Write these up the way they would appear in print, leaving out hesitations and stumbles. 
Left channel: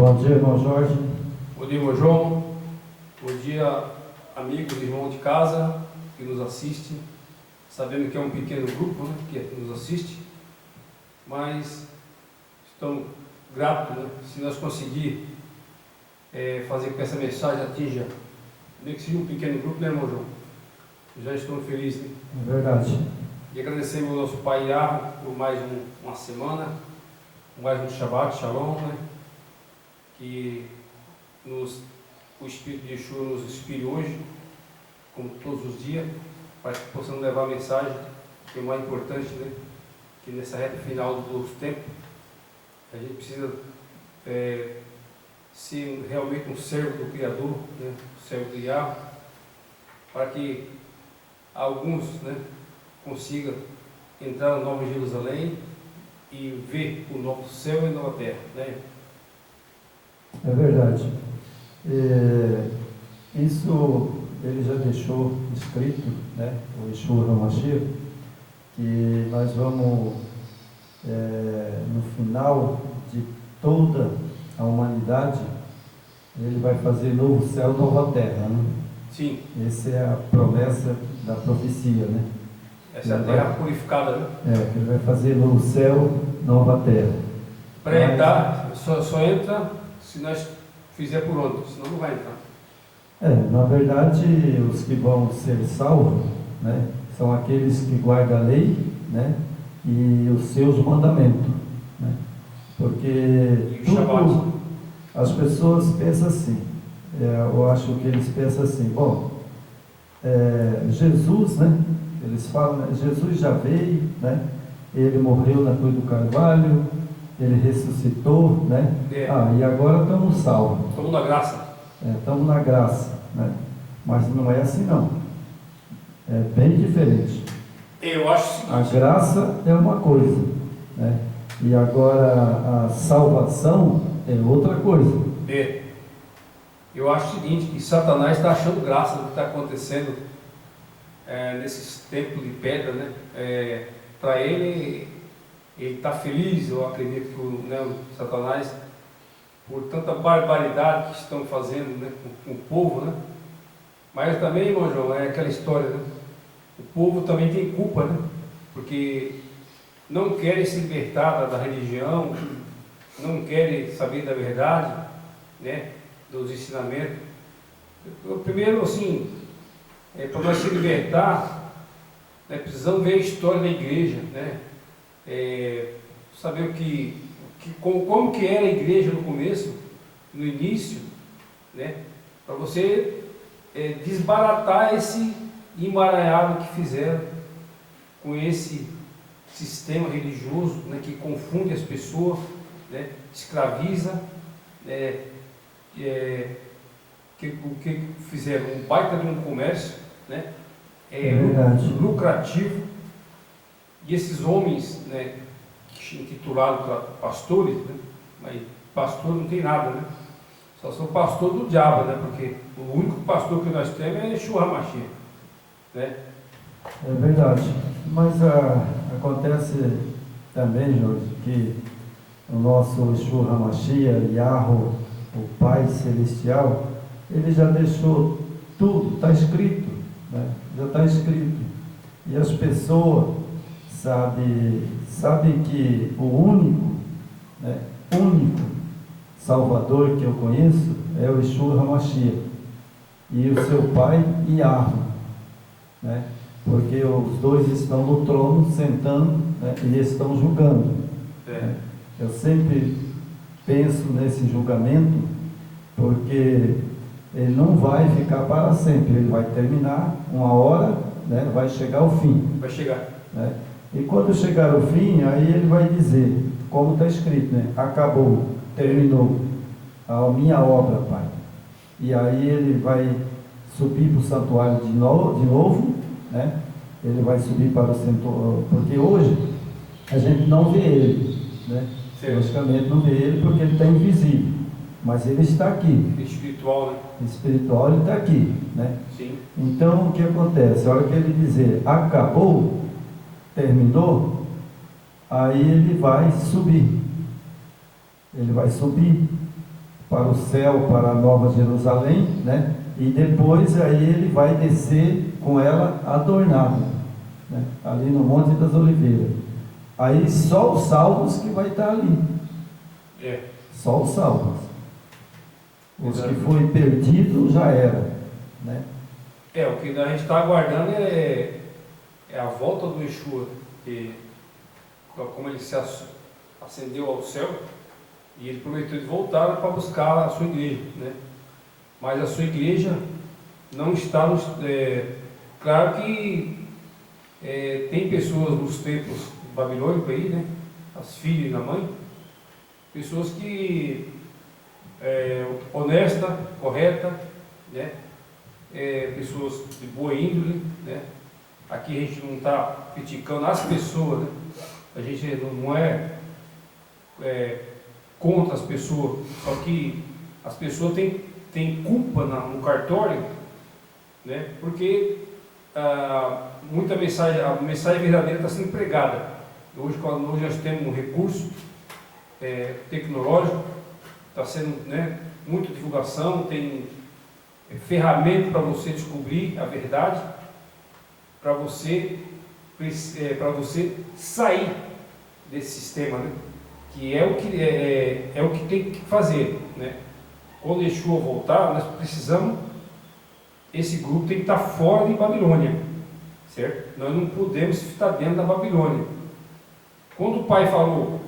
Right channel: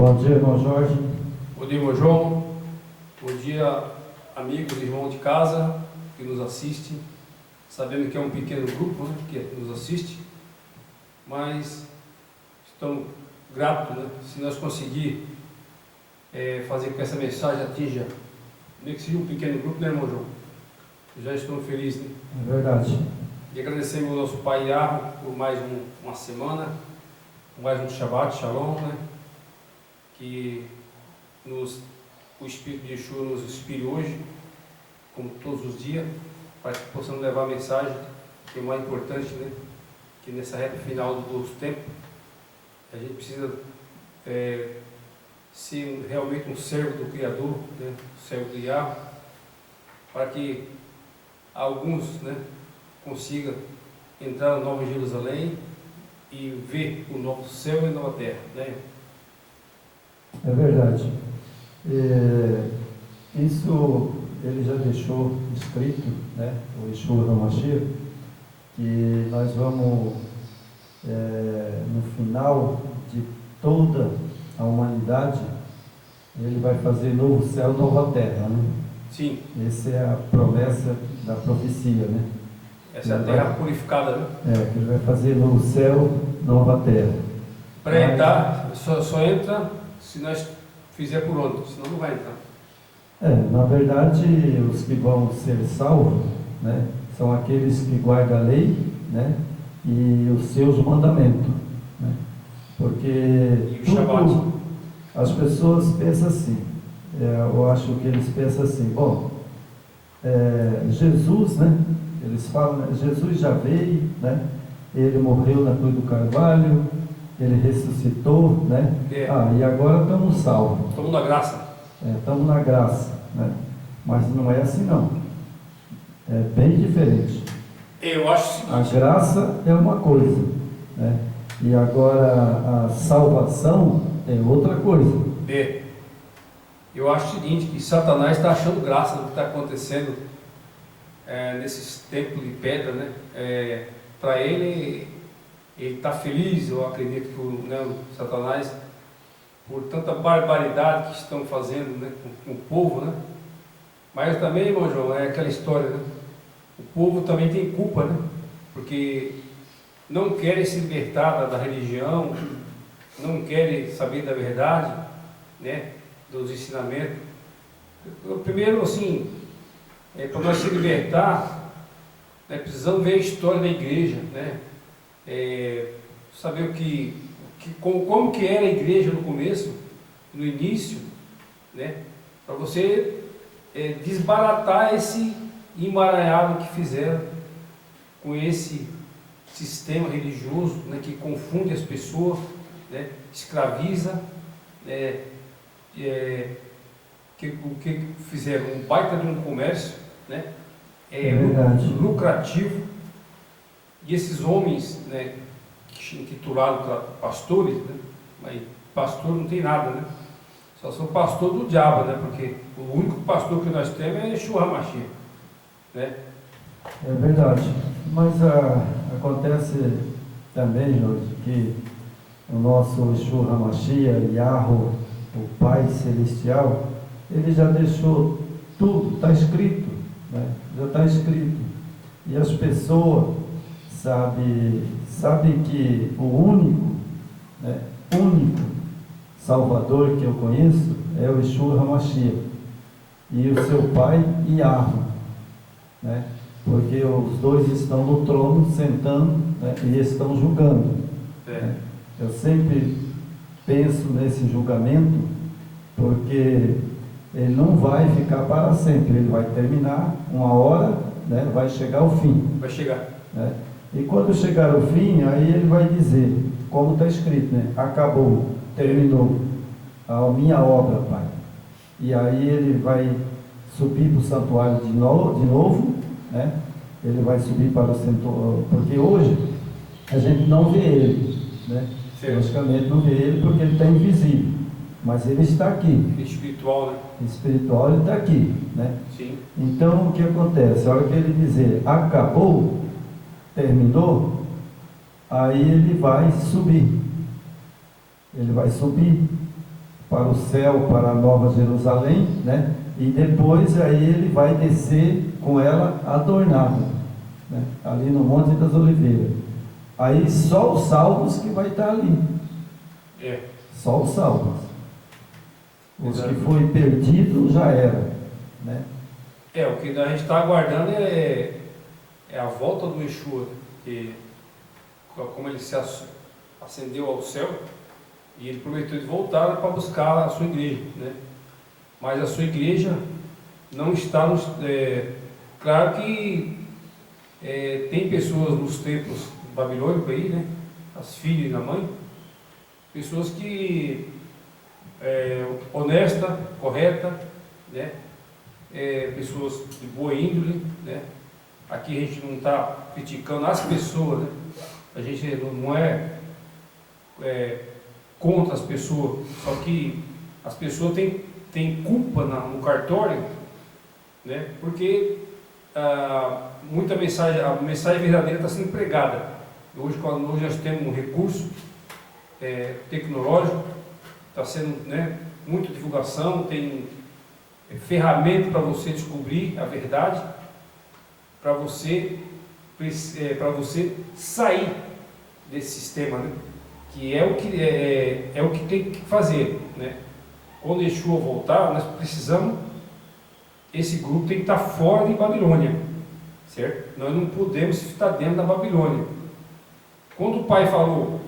Bom dia, irmão Jorge. Bom dia, irmão João. Bom dia, amigos e irmãos de casa que nos assistem. Sabemos que é um pequeno grupo, né, que nos assiste, mas estamos gratos, né, se nós conseguir fazer com que essa mensagem atinja, nem que seja um pequeno grupo, né, irmão João? Já estamos felizes, né? É verdade. E agradecemos ao nosso Pai Yahweh por mais uma semana, por mais um Shabbat, Shalom, né? Que o Espírito de Yeshua nos inspire hoje, como todos os dias, para que possamos levar a mensagem, que é o mais importante, né? Que nessa reta final dos tempos, a gente precisa ser realmente um servo do Criador, né? Um servo do Yahweh, para que alguns, né, consigam entrar na Nova Jerusalém e ver o novo céu e a nova terra, né? É verdade. Isso ele já deixou escrito, né, o Yeshua HaMashiach, que nós vamos, no final de toda a humanidade, ele vai fazer novo céu, nova terra, né? Sim. Essa é a promessa da profecia, né? Essa é a terra purificada, né? Que ele vai fazer novo céu, nova terra. Para entrar, só entra se nós fizer por onde, senão não vai entrar. Na verdade, os que vão ser salvos, né, são aqueles que guardam a lei, né, e os seus mandamentos, né? Porque tudo, as pessoas pensam assim, eu acho que eles pensam assim, bom, Jesus, né, eles falam, né, Jesus já veio, né, ele morreu na cruz do Carvalho, ele ressuscitou, né? E agora estamos salvos. Estamos na graça. Estamos na graça, né? Mas não é assim não. É bem diferente. Eu acho o seguinte. A graça é uma coisa, né? E agora a salvação é outra coisa. Eu acho o seguinte, que Satanás está achando graça no que está acontecendo nesses templos de pedra, né? Para ele está feliz, eu acredito que o Satanás, por tanta barbaridade que estão fazendo, né, com o povo, né? Mas também, irmão João, é aquela história, né? O povo também tem culpa, né? Porque não querem se libertar da religião, não querem saber da verdade, né? Dos ensinamentos. Primeiro, assim, para nós se libertar, né, precisamos ver a história da igreja, né? Saber como que era a igreja no começo, no início, né? Para você desbaratar esse emaranhado que fizeram com esse sistema religioso, né, que confunde as pessoas, né, escraviza, o que fizeram um baita de um comércio, né, lucrativo, e esses homens, né, intitulados pastores, né, mas pastor não tem nada, né? Só sou pastor do diabo, né? Porque o único pastor que nós temos é Yeshua HaMashiach, né? É verdade. Mas acontece também, Jorge, que o nosso Yeshua HaMashiach, Yahweh, o Pai Celestial, ele já deixou tudo, está escrito, né? Já está escrito. E as pessoas sabem que o único Salvador que eu conheço é o Yeshua HaMashiach e o seu pai Yahweh, né? Porque os dois estão no trono sentando, né, e estão julgando. Né? Eu sempre penso nesse julgamento, porque ele não vai ficar para sempre, ele vai terminar uma hora, né, vai chegar ao fim. Vai chegar. Né? E quando chegar ao fim, aí ele vai dizer, como está escrito, né? Acabou, terminou a minha obra, Pai. E aí ele vai subir para o santuário de novo, né? Ele vai subir para o santuário, porque hoje a gente não vê ele, né? Logicamente não vê ele porque ele está invisível, mas ele está aqui. Espiritual, né? Espiritual, ele está aqui, né? Sim. Então o que acontece? A hora que ele dizer acabou, terminou, aí ele vai subir. Ele vai subir para o céu, para a Nova Jerusalém, né? E depois aí ele vai descer com ela adornada, né? Ali no Monte das Oliveiras. Aí só os salvos que vai estar ali. Só os salvos. Os que foi perdido já era, né? O que a gente está aguardando é a volta do Yeshua, que como ele se ascendeu ao céu, e ele prometeu de voltar para buscar a sua igreja, né? Mas a sua igreja não está nos... claro que tem pessoas nos templos babilônicos aí, né? As filhas e a mãe, pessoas que honesta, correta, né? Pessoas de boa índole, né? Aqui a gente não está criticando as pessoas, né? A gente não é contra as pessoas, só que as pessoas têm culpa no cartório, né? Porque muita mensagem, a mensagem verdadeira está sendo pregada. Hoje nós temos um recurso tecnológico, está sendo, né, muita divulgação, tem ferramenta para você descobrir a verdade, para você sair desse sistema, né? Que é o que tem que fazer, né? Quando Yeshua voltar, nós precisamos, esse grupo tem que estar fora de Babilônia, certo? Nós não podemos estar dentro da Babilônia. Quando o pai falou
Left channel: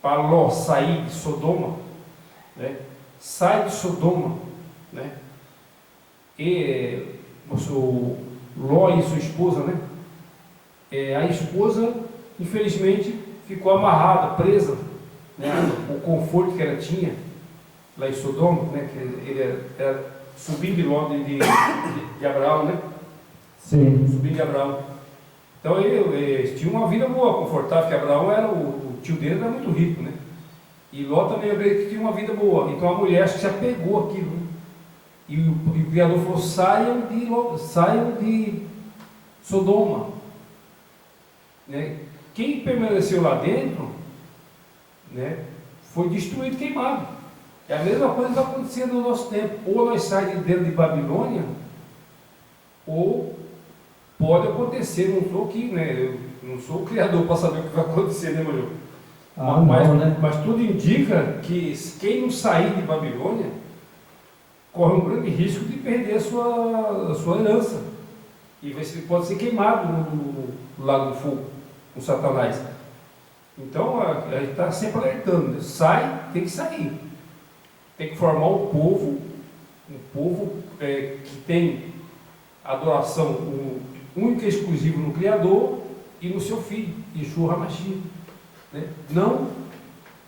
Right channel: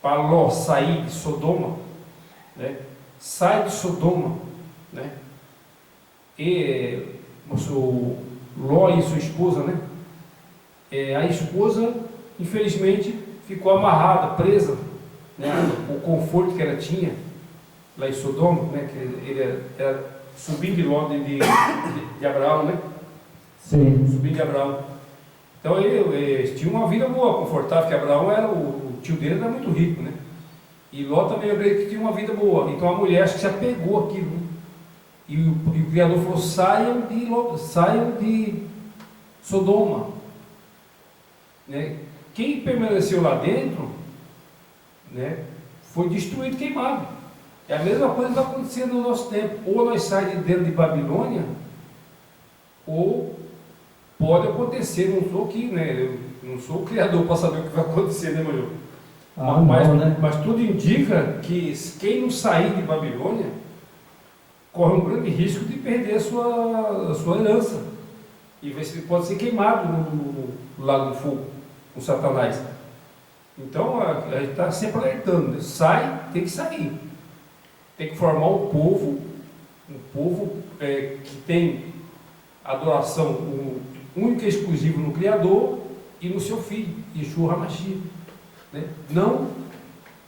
para Ló sair de Sodoma, né? Sai de Sodoma, né? E o Ló e sua esposa, né? A esposa, infelizmente, ficou amarrada, presa, né? O conforto que ela tinha lá em Sodoma, né? Que ele era sobrinho de Ló, de Abraão, né? Sim. Sobrinho de Abraão. Então ele tinha uma vida boa, confortável, porque Abraão era o tio dele era muito rico, né? E Ló também, eu creio que tinha uma vida boa. Então a mulher acho que se apegou àquilo, né? E o Criador falou: saiam de Sodoma, né? Quem permaneceu lá dentro, né, foi destruído, queimado. É a mesma coisa que está acontecendo no nosso tempo. Ou nós saímos de dentro de Babilônia, ou pode acontecer. Não sou aqui, né? Eu não sou o Criador para saber o que vai acontecer, né, meu? Mas tudo indica que quem não sair de Babilônia corre um grande risco de perder a sua herança. E pode ser queimado no lago do fogo, com Satanás. Então, a gente está sempre alertando, né? Tem que sair. Tem que formar um povo que tem adoração única e exclusiva no Criador e no seu Filho, Yeshua HaMashiach, né? Não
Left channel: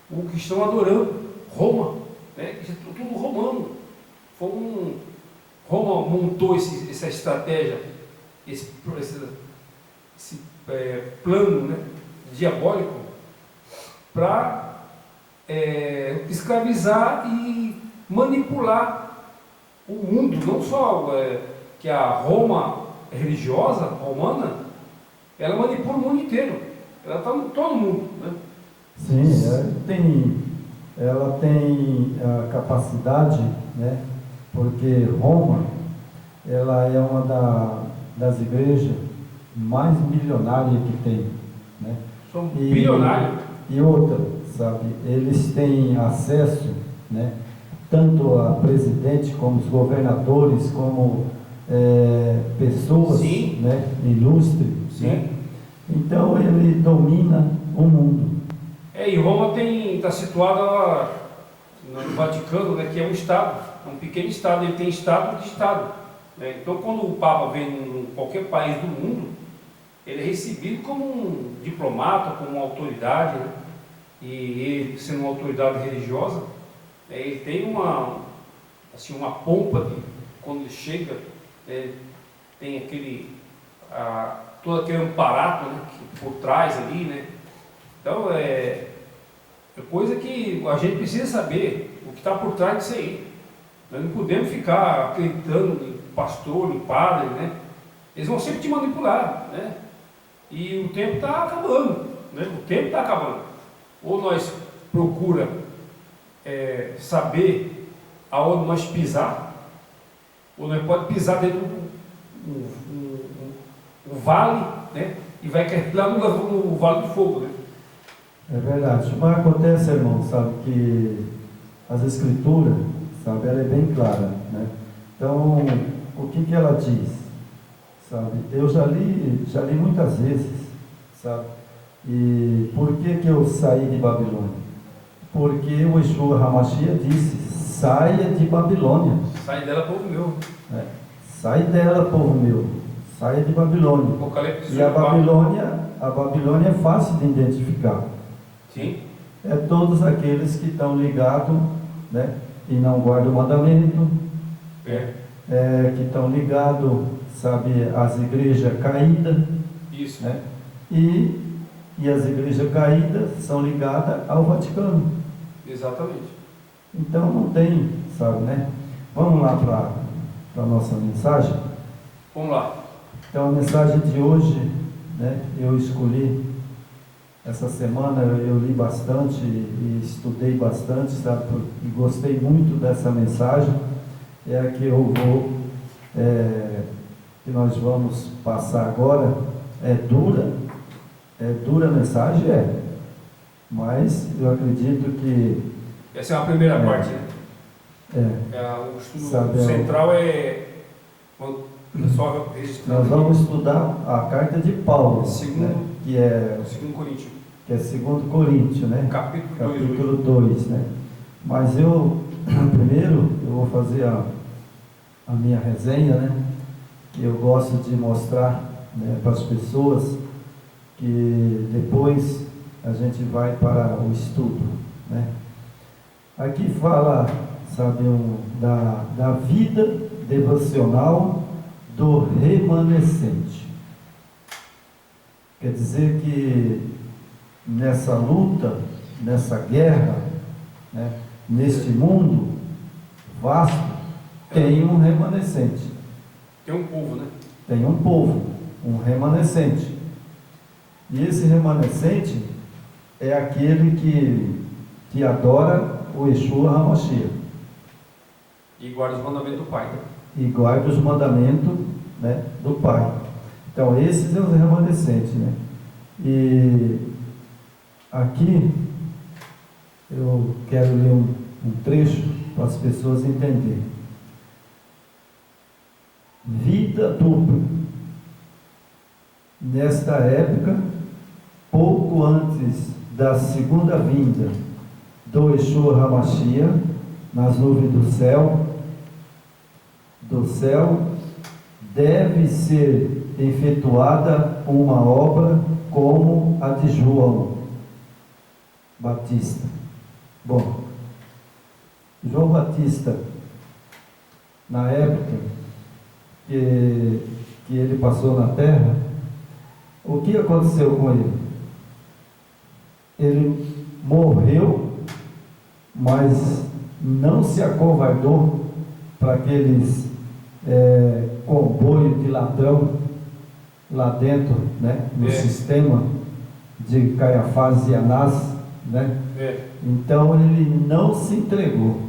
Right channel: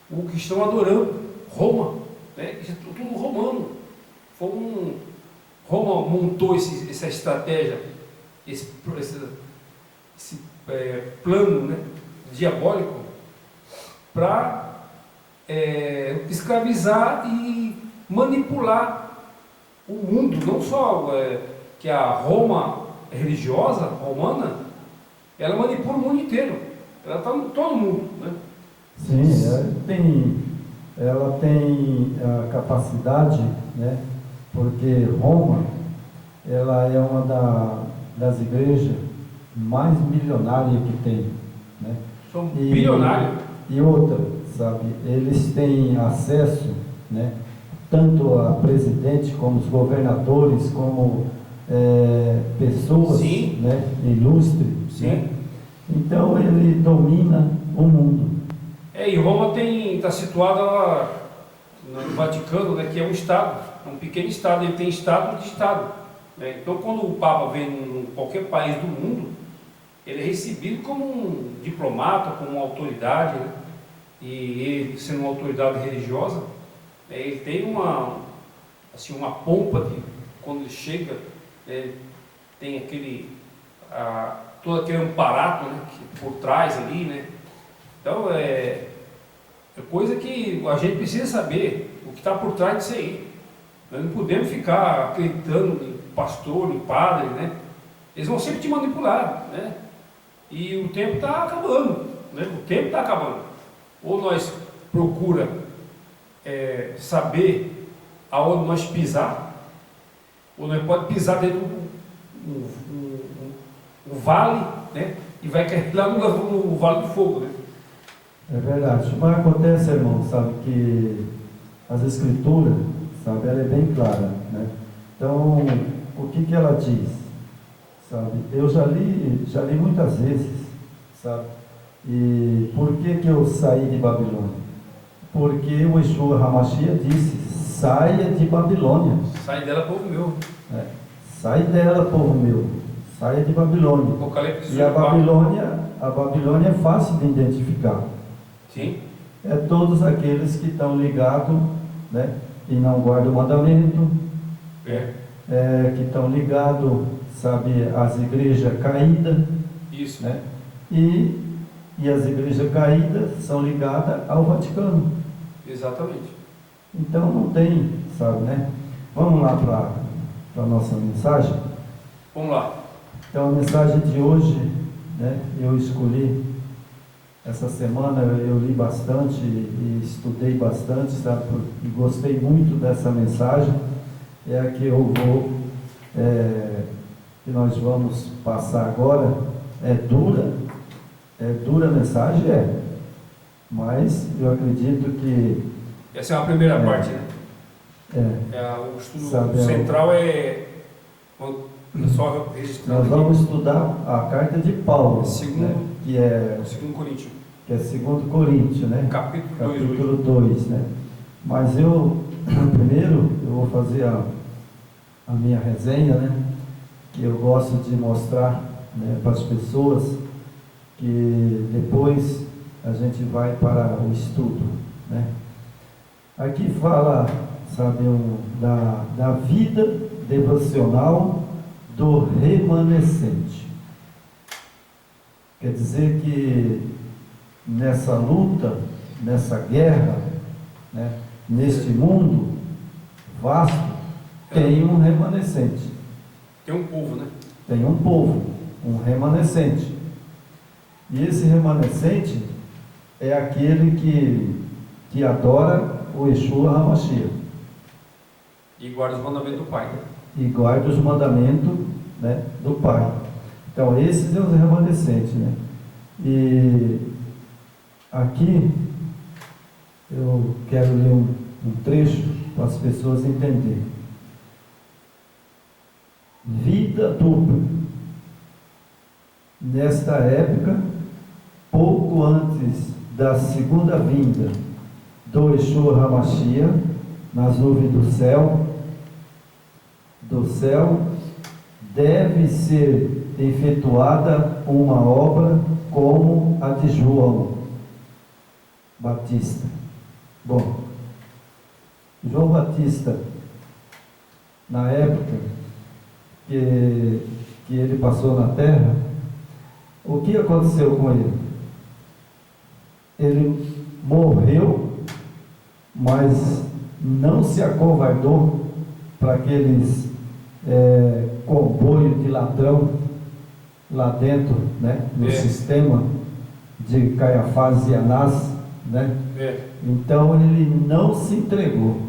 o que estão adorando, Roma, né? Isso é tudo romano. Roma montou essa estratégia, esse plano, né, diabólico para escravizar e manipular o mundo, não só que a Roma religiosa, romana, ela manipula o mundo inteiro, ela está em todo mundo, né? Sim, ela tem a capacidade, né? Porque Roma, ela é uma das igrejas mais milionárias que tem, né? São bilionários. E outra, sabe, eles têm acesso, né, tanto a presidente como os governadores, como pessoas, né, ilustres, né? Então ele domina o mundo. E Roma está situada no Vaticano, né, que é um estado, é um pequeno estado, ele tem estado de estado, né? Então quando o Papa vem em qualquer país do mundo, ele é recebido como um diplomata, como uma autoridade, né? E ele, sendo uma autoridade religiosa, ele tem uma pompa quando ele chega, tem todo aquele amparato, né, que por trás ali, né? Então é coisa que a gente precisa saber o que está por trás disso aí. Nós não podemos ficar acreditando em pastor, em padre, né? Eles vão sempre te manipular, né? E o tempo está acabando, né? O tempo está acabando. Ou nós procura saber aonde nós pisar, ou nós pode pisar dentro de um vale, né? E vai cair lá no vale do fogo, né? É verdade. Mas acontece, irmão, sabe, que as escrituras, sabe, ela é bem clara, né? Então, o que ela diz, sabe? Eu já li muitas vezes, sabe? E por que eu saí de Babilônia? Porque o Yeshua HaMashiach disse: saia de Babilônia. Sai dela, povo meu. Sai dela, povo meu. Saia de Babilônia. Apocalipse 18, E a Babilônia é fácil de identificar. sim. É todos aqueles que estão ligados, né, e não guardam o mandamento, que estão ligados, sabe, às igrejas caídas. Isso. Né? E as igrejas caídas são ligadas ao Vaticano. Exatamente. Então não tem, sabe, né? Vamos lá para a nossa mensagem. Vamos lá. Então a mensagem de hoje, né, eu escolhi. Essa semana eu li bastante e estudei bastante, sabe? E gostei muito dessa mensagem. É a que eu vou, que nós vamos passar agora. É dura a mensagem, mas eu acredito que... Essa é a primeira parte, né? O estudo sabe, central só registrando. Nós vamos estudar a carta de Paulo, segundo, né? Que é 2 Coríntios. Que é 2 Coríntios, né? Capítulo 2, né? Mas eu, primeiro, eu vou fazer a minha resenha, né? Que eu gosto de mostrar, né, para as pessoas, que depois a gente vai para o estudo, né? Aqui fala, sabe, da vida devocional do remanescente. Quer dizer que nessa luta, nessa guerra, né, neste mundo vasto, tem um remanescente. Tem um povo, né? Tem um povo, um remanescente. E esse remanescente é aquele que adora o Yeshua HaMashiach. E guarda os mandamentos do Pai. E guarda os mandamentos, né, do Pai. Então, esses são os remanescentes, né? E aqui eu quero ler um trecho para as pessoas entenderem. Vida dupla. Nesta época, pouco antes da segunda vinda do Yeshua HaMashiach, nas nuvens do céu, deve ser efetuada uma obra como a de João Batista. Bom, João Batista, na época que ele passou na terra, o que aconteceu com ele? Ele morreu, mas não se acovardou para aqueles comboios de ladrão lá dentro, né, no sistema de Caiafás e Anás, né? Então ele não se entregou.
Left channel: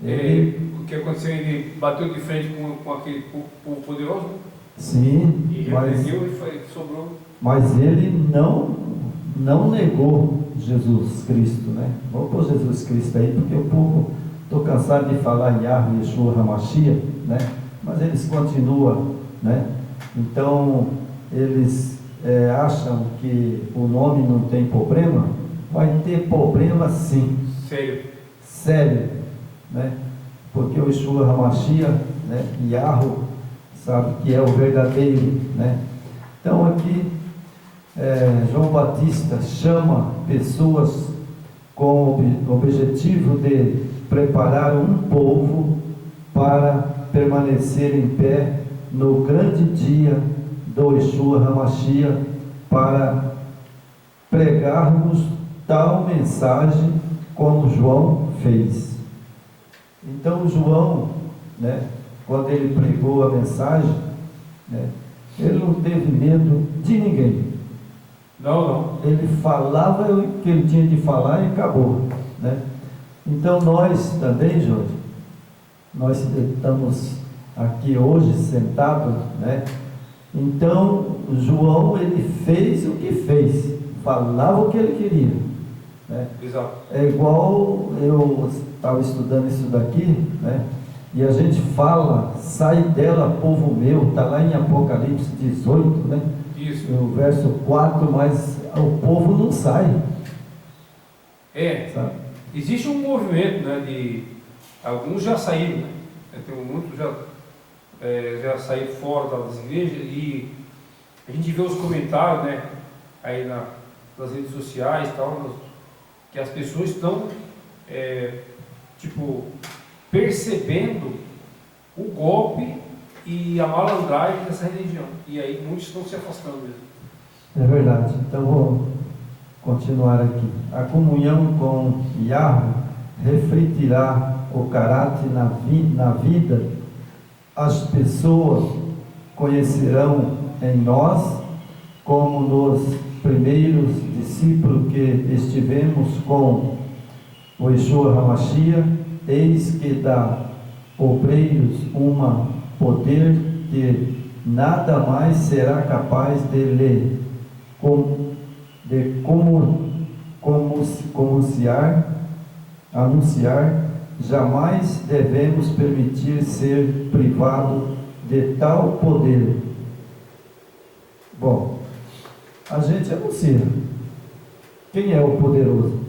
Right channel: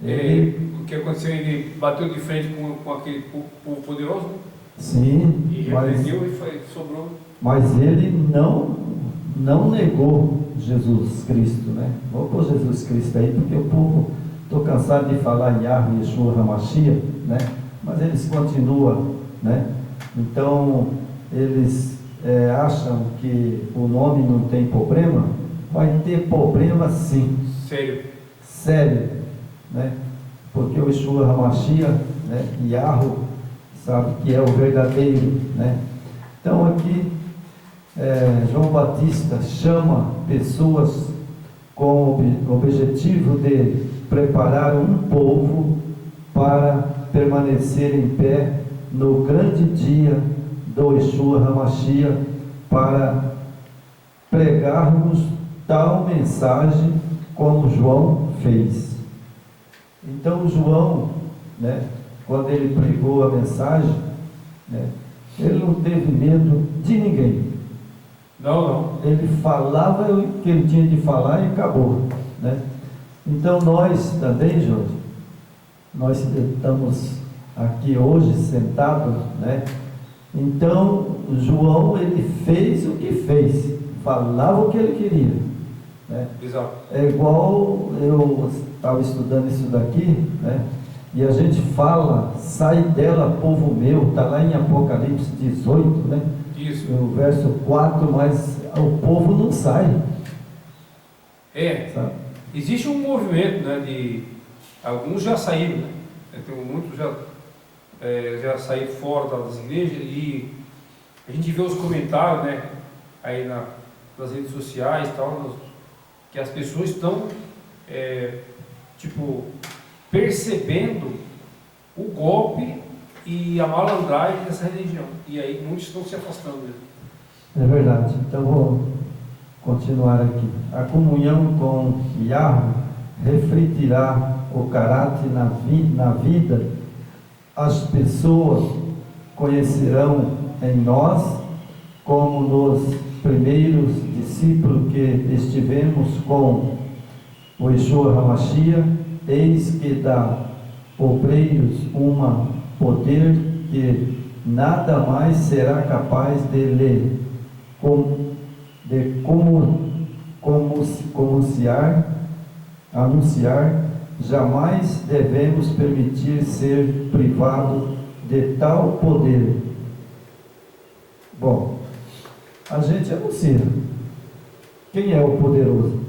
O que aconteceu? Ele bateu de frente com aquele povo poderoso? Sim, e repreendeu e sobrou. Mas ele não negou Jesus Cristo, né? Vou pôr Jesus Cristo aí, porque o povo, estou cansado de falar em Yahweh, Yeshua HaMashiach, né? Mas eles continuam, né? Então, eles acham que o nome não tem problema. Vai ter problema sim. Sério, né? Porque o Yeshua HaMashiach, né, Yahweh, sabe que é o verdadeiro, né? Então aqui João Batista chama pessoas com o objetivo de preparar um povo para permanecer em pé no grande dia do Yeshua HaMashiach, para pregarmos tal mensagem como João fez. Então João, né, quando ele pregou a mensagem, né, ele não teve medo de ninguém. Não. Ele falava o que ele tinha de falar e acabou, né? Então nós também, Jorge, nós estamos aqui hoje sentados, né? Então João, ele fez o que fez, falava o que ele queria, né? Exato. É igual eu estava estudando isso daqui, né? E a gente fala, sai dela, povo meu, está lá em Apocalipse 18, né? Isso. No verso 4, mas o povo não sai. Sabe? Existe um movimento, né, de alguns já saíram, né? Tem muitos já saíram fora das igrejas, e a gente vê os comentários, né, aí nas redes sociais e tal, que as pessoas estão percebendo o golpe e a malandragem dessa religião, e aí muitos estão se afastando mesmo. É verdade. Então vou continuar aqui. A comunhão com Yahweh refletirá o caráter na vida. As pessoas conhecerão em nós, como nos primeiros discípulos que estivemos com o Yeshua HaMashiach, eis que dá obreiros uma poder que nada mais será capaz de lhe anunciar. Jamais devemos permitir ser privado de tal poder. Bom, a gente anuncia. Quem é o poderoso?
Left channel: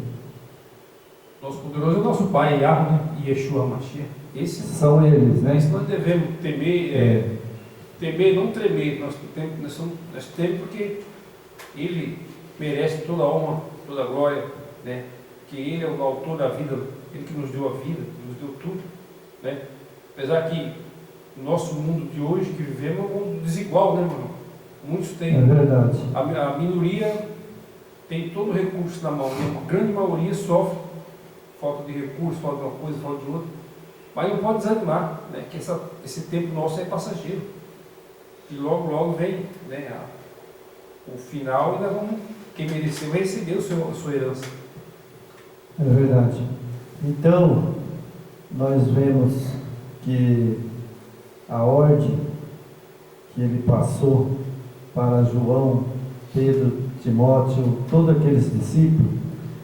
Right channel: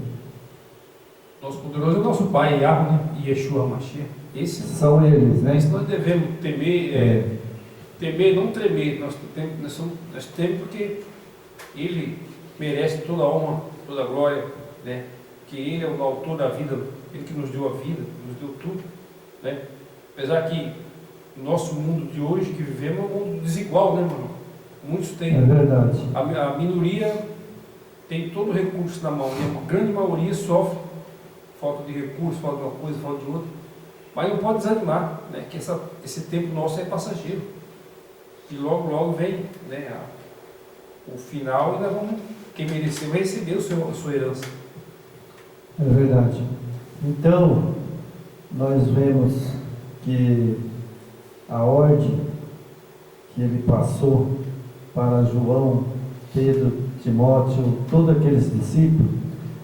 Nosso poderoso é o nosso Pai, Yahweh, né? E Yeshua HaMashiach. Esses são eles, né? Nós devemos temer, temer, não tremer. Nós tememos porque Ele merece toda a honra, toda a glória, né? Que Ele é o autor da vida, Ele que nos deu a vida, que nos deu tudo, né? Apesar que o nosso mundo de hoje que vivemos é um mundo desigual, né, mano? Muitos têm. É verdade. A minoria tem todo o recurso na mão, né? A grande maioria sofre falta de recurso, falta de uma coisa, falta de outra. Mas não pode desanimar, né? Que esse tempo nosso é passageiro. E logo, logo vem, né, o final, e nós vamos, quem mereceu vai receber a sua herança. É verdade. Então, nós vemos que a ordem que ele passou para João, Pedro, Timóteo, todos aqueles discípulos,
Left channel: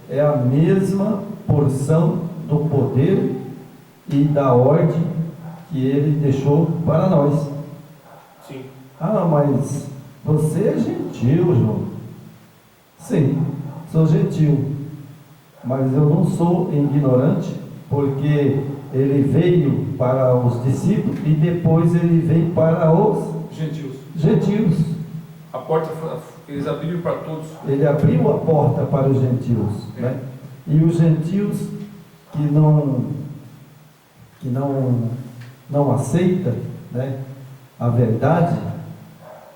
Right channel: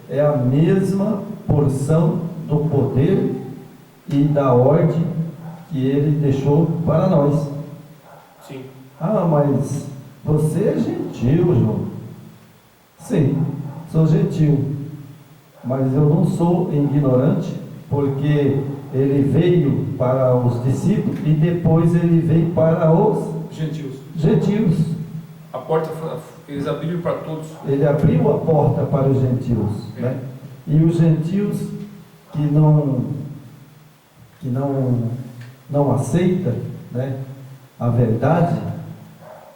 é a mesma porção do poder e da ordem que ele deixou para nós. Sim. Ah, mas você é gentil, João. Sim, sou gentil. Mas eu não sou ignorante, porque ele veio para os discípulos e depois ele veio para os gentios. A porta, eles abriram para todos. Ele abriu a porta para os gentios, né? E os gentios que não aceita, né, a verdade,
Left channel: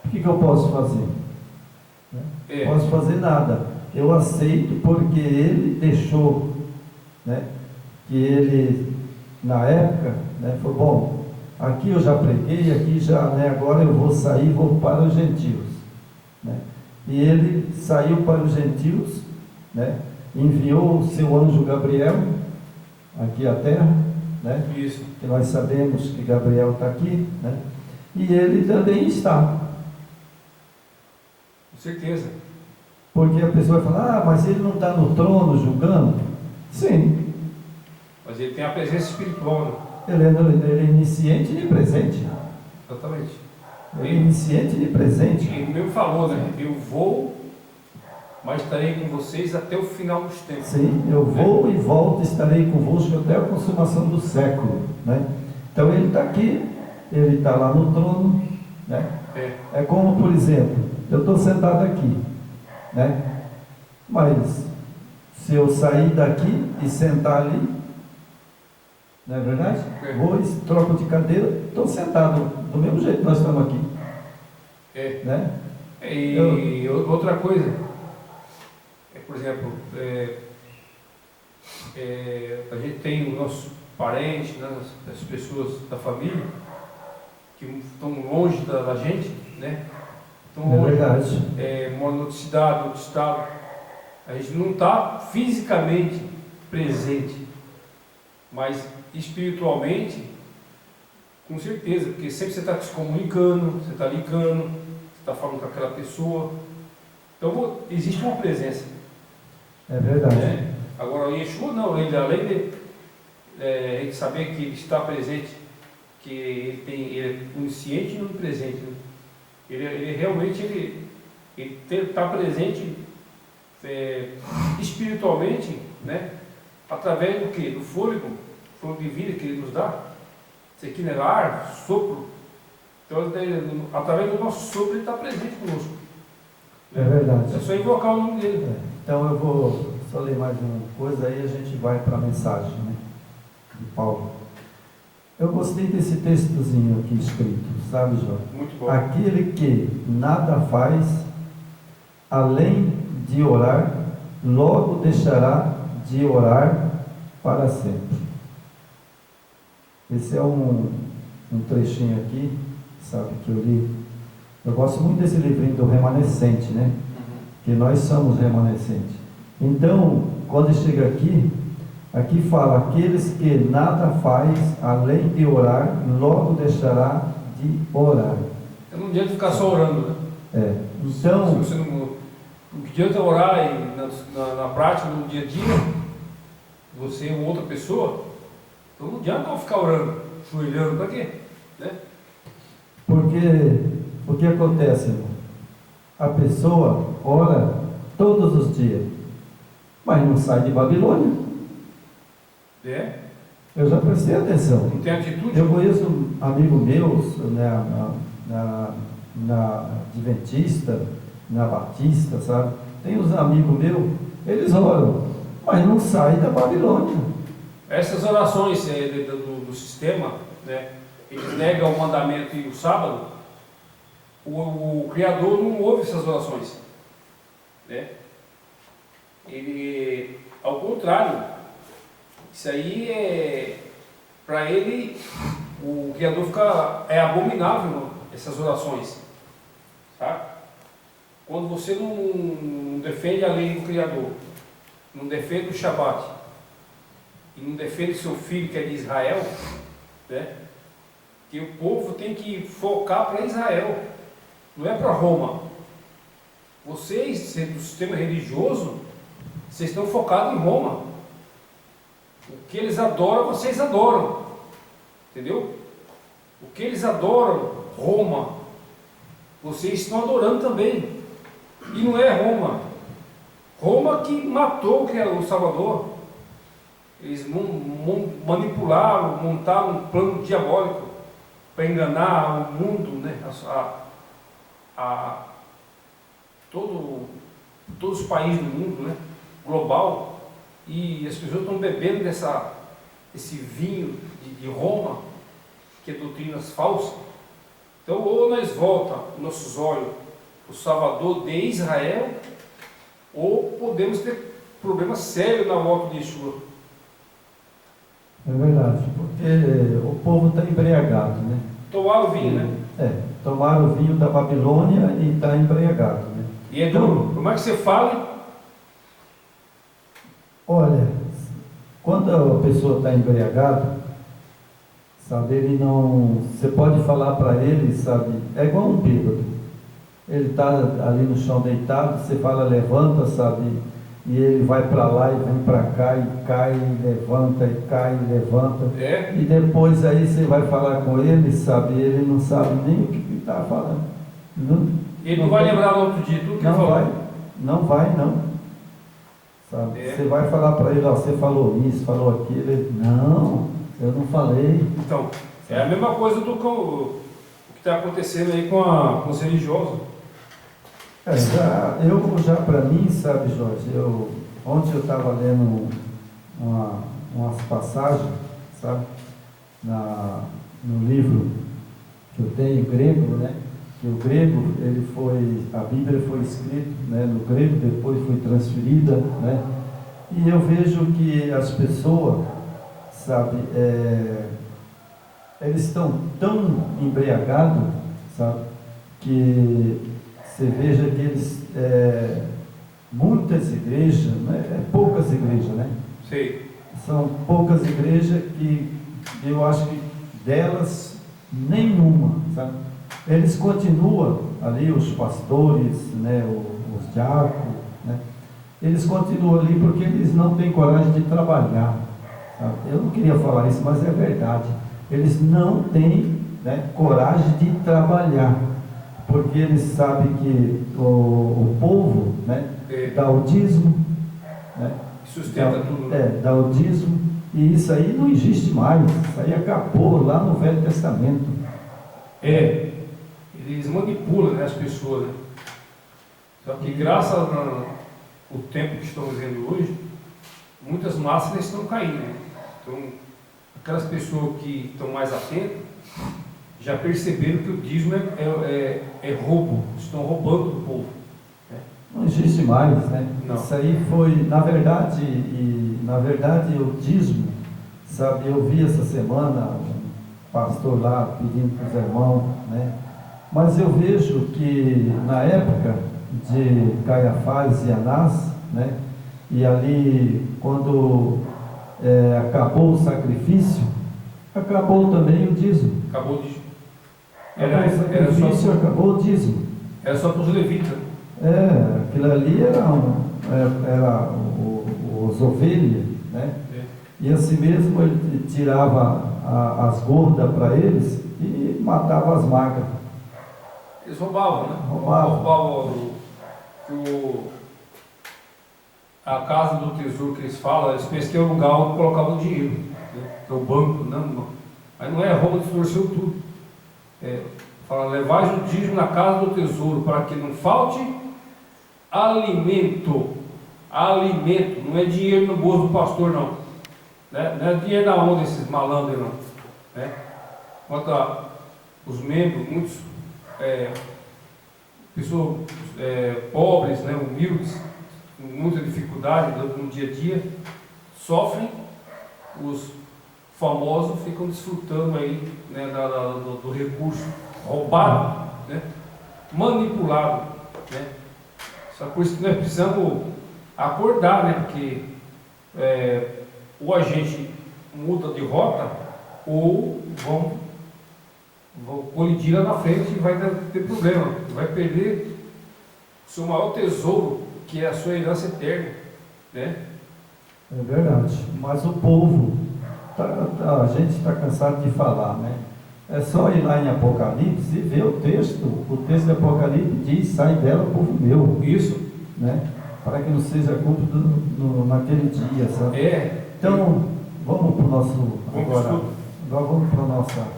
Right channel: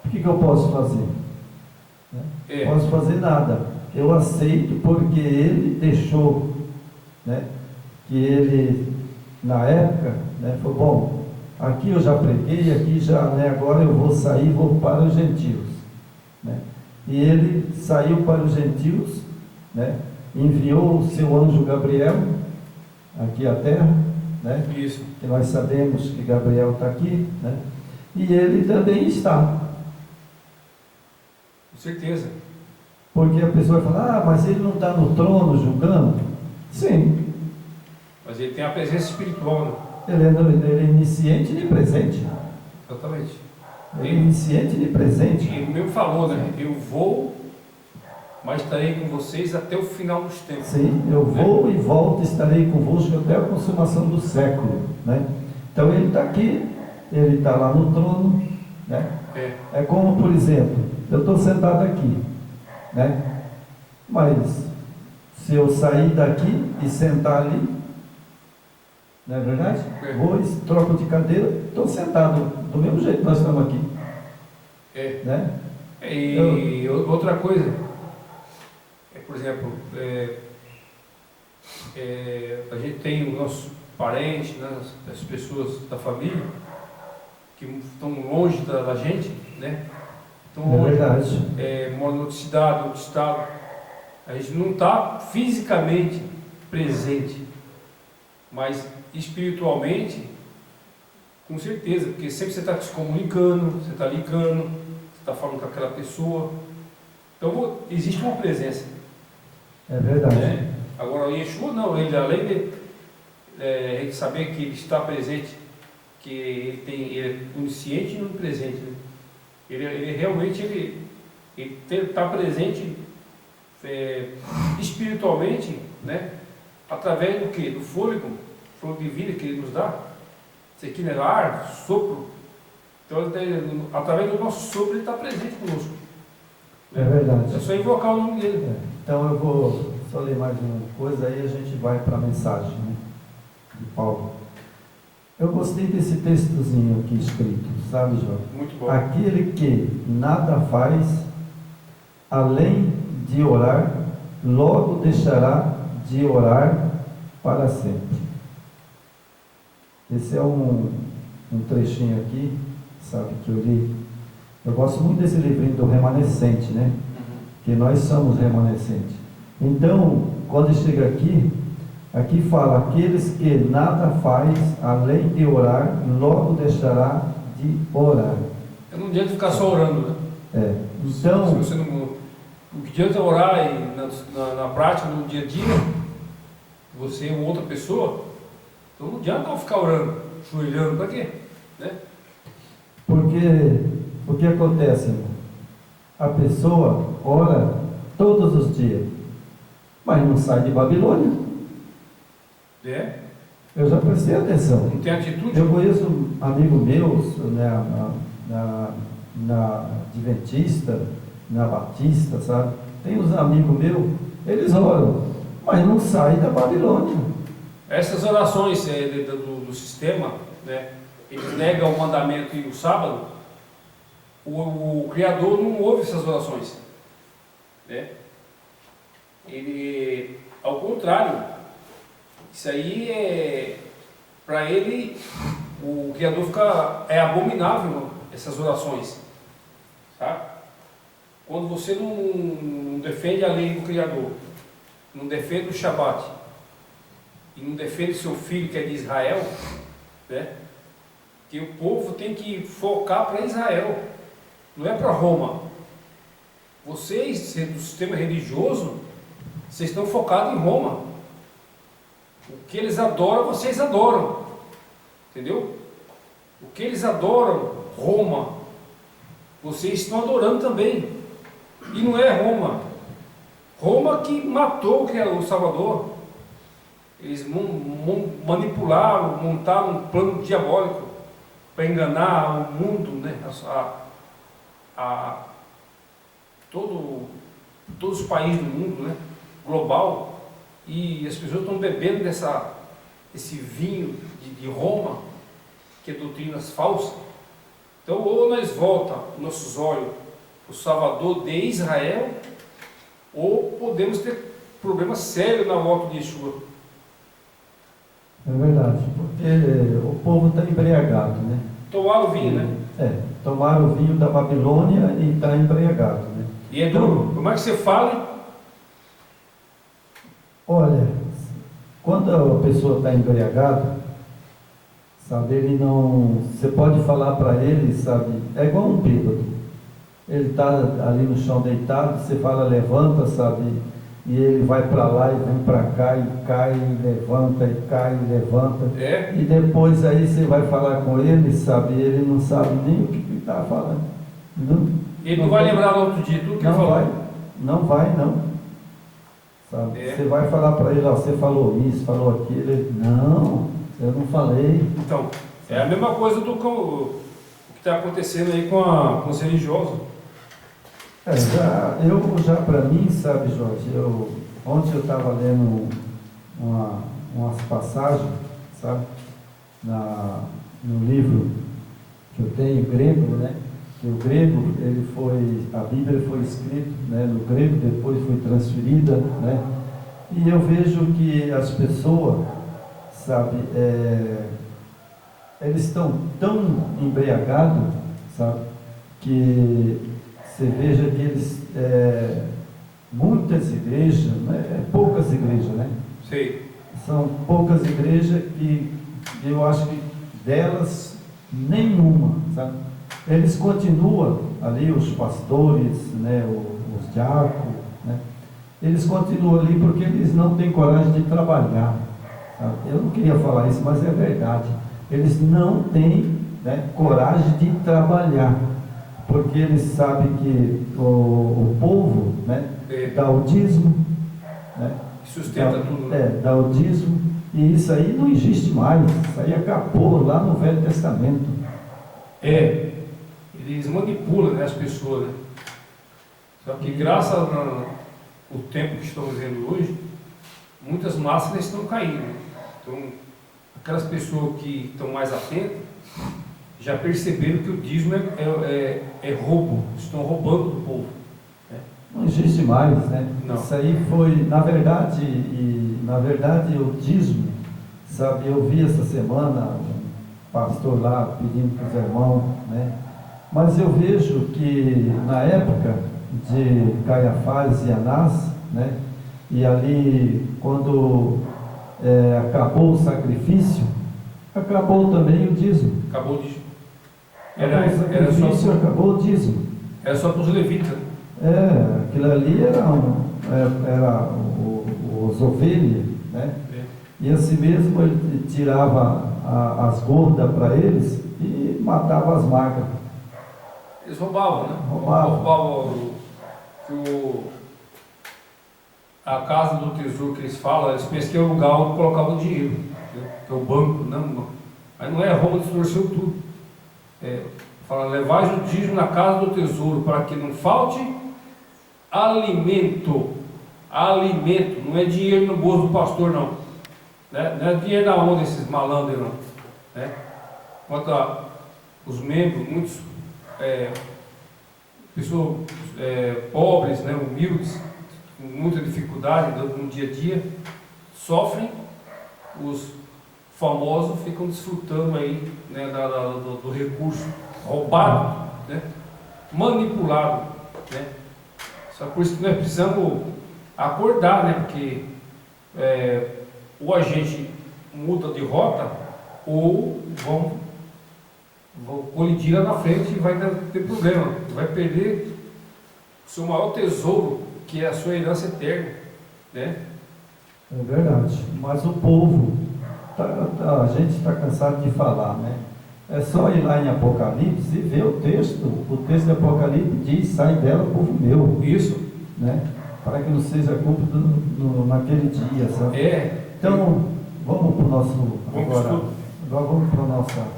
o que eu posso fazer? Não posso fazer nada. Eu aceito porque ele deixou, né, que ele, na época, né, falou, bom, aqui eu já preguei, aqui já, né, agora eu vou sair e vou para os gentios, né? E ele saiu para os gentios, né, enviou o seu anjo Gabriel aqui à terra, né? Isso. Que nós sabemos que Gabriel está aqui, né? E ele também está. Com certeza. Porque a pessoa vai falar, mas ele não está no trono julgando? Sim. Mas ele tem a presença espiritual, né? Ele é onisciente e presente. Exatamente. Ele é onisciente e presente. Ele mesmo falou, né? Eu vou, mas estarei com vocês até o final dos tempos. Sim, eu vou e volto, estarei convosco até a consumação do século, né? Então ele está aqui, ele está lá no trono, né? É como, por exemplo, eu estou sentado aqui, né? Mas se eu sair daqui e sentar ali, não é verdade? Vou, troco de cadeira, estou sentado do mesmo jeito que nós estamos aqui. Né? E outra coisa, por exemplo, a gente tem os nossos parentes, né, as pessoas da família que estão longe da gente, né? Estão longe, verdade. Moram em outra cidade, outro estado. A gente não está fisicamente presente, Mas espiritualmente, com certeza, porque sempre você está se comunicando, você está ligando, você está falando com aquela pessoa. Então existe uma presença. É verdade. Né? Agora o Yeshua não, ele além de saber que ele está presente, que ele é onisciente e onipresente, né? Ele realmente está presente espiritualmente, né? Através do que? Do fôlego de vida que ele nos dá. Isso aqui não é ar, sopro. Então, através do nosso sopro, ele está presente conosco. É verdade. É só invocar o nome dele. Então eu vou só ler mais uma coisa, aí a gente vai para a mensagem, né, de Paulo. Eu gostei desse textozinho aqui escrito, sabe, Jorge? Muito bom. Aquele que nada faz, além de orar, logo deixará de orar para sempre. Esse é um trechinho aqui, sabe, que eu li. Eu gosto muito desse livrinho do remanescente, né? Que nós somos remanescentes. Então, quando chega aqui fala, aqueles que nada faz, além de orar, logo deixará de orar. Eu não adianta ficar só orando, né? Então, se você não, o que adianta orar na prática, no dia a dia, você ou outra pessoa, então não adianta não ficar orando, joelhando, para quê? Né? Porque o que acontece, irmão? A pessoa ora todos os dias, mas não sai de Babilônia. Eu já prestei atenção. Não tem atitude? Eu conheço um amigo meu, né, na Adventista, na Batista, sabe? Tem uns amigos meus, eles oram, mas não saem da Babilônia. Essas orações do sistema, né, eles negam o mandamento e o sábado, o Criador não ouve essas orações. Né? Ele, ao contrário, isso aí para ele, o Criador é abominável essas orações. Sabe? Quando você não defende a lei do Criador, não defende o Shabat, e não defende seu filho que é de Israel, né? Que o povo tem que focar para Israel, não é para Roma. Vocês, do sistema religioso, vocês estão focados em Roma. O que eles adoram, vocês adoram. Entendeu? O que eles adoram, Roma, vocês estão adorando também. E não é Roma. Roma que matou o Salvador. Eles manipularam, montaram um plano diabólico para enganar o mundo, né? Todos os países do mundo, né? Global, e as pessoas estão bebendo esse vinho de Roma, que é doutrinas falsas. Então, ou nós voltamos nossos olhos para o Salvador de Israel, ou podemos ter problemas sérios na volta de Yeshua. É verdade, porque o povo está embriagado, né? Tomaram o vinho, né? Tomaram o vinho da Babilônia e está embriagado, né? E é duro. Como é que você fala? Olha, quando a pessoa está embriagada, sabe, ele não... Você pode falar para ele, sabe, é igual um bêbado. Ele está ali no chão deitado, você fala, levanta, sabe, e ele vai para lá e vem para cá, e cai, e levanta, e cai, e levanta. E depois aí você vai falar com ele, sabe, ele não sabe nem o que está falando. Ele não vai lembrar no outro dia tudo que ele falou. Não vai. Sabe? Você vai falar para ele, ó, você falou isso, falou aquilo, ele, não, eu não falei. Então, é a mesma coisa do que está acontecendo aí com os religiosos. Já para mim, sabe, Jorge, ontem eu estava lendo umas passagens, sabe, no livro que eu tenho, grego, né? Que o grego, a Bíblia foi escrita, né, no grego, depois foi transferida, né? E eu vejo que as pessoas, sabe, eles estão tão embriagados, sabe, que você veja que eles, muitas igrejas, né, poucas igrejas, né? Sim. são poucas igrejas que eu acho que delas nenhuma, sabe? Eles continuam ali, os pastores, né, os diáconos, né? Eles continuam ali porque eles não têm coragem de trabalhar, sabe? Eu não queria falar isso, mas é verdade. Eles não têm, né, coragem de trabalhar, porque eles sabem que o povo, né, dá o dízimo, né, Sustenta tudo. Né? Dá o dízimo, e isso aí não existe mais, isso aí acabou lá no Velho Testamento. Eles manipulam, né, as pessoas, né? Só que graças ao tempo que estamos vivendo hoje, muitas massas estão caindo. Né? Então, aquelas pessoas que estão mais atentas já perceberam que o dízimo é roubo, estão roubando do povo. Né? Não existe mais, né? Não. Isso aí foi, na verdade, o dízimo, sabe, eu vi essa semana um pastor lá pedindo para os irmãos, né? Mas eu vejo que na época de Caiafás e Anás, né? E ali, quando acabou o sacrifício, acabou também o dízimo. Acabou o dízimo. Acabou o dízimo. Era só para os levitas. Aquilo ali era os ovelhas, né? E assim mesmo ele tirava as gordas para eles e matava as magras. Eles roubavam, né? Roubavam a casa do tesouro que eles falam, eles pensam que é o lugar onde colocavam o dinheiro, né? Que é o banco, não. Mas não é, rouba, distorceu tudo. Fala, levai o dízimo na casa do tesouro, para que não falte alimento. Alimento, não é dinheiro no bolso do pastor, não. Né? Não é dinheiro na onda desses malandros, não. Né? Quanto os membros, muitos pessoas pobres, né, humildes, com muita dificuldade no dia a dia, sofrem, os famosos ficam desfrutando aí, né, do recurso roubado, né, manipulado, né. Só por isso que nós precisamos acordar, né, porque ou a gente muda de rota ou vão colidir lá na frente e vai ter problema, vai perder o seu maior tesouro, que é a sua herança eterna, né? É verdade, mas o povo, a gente está cansado de falar, né? É só ir lá em Apocalipse e ver o texto de Apocalipse diz, sai dela, povo meu. Isso. Né? Para que não seja cúmplice naquele dia, sabe? Então, vamos para o nosso, agora vamos para a nossa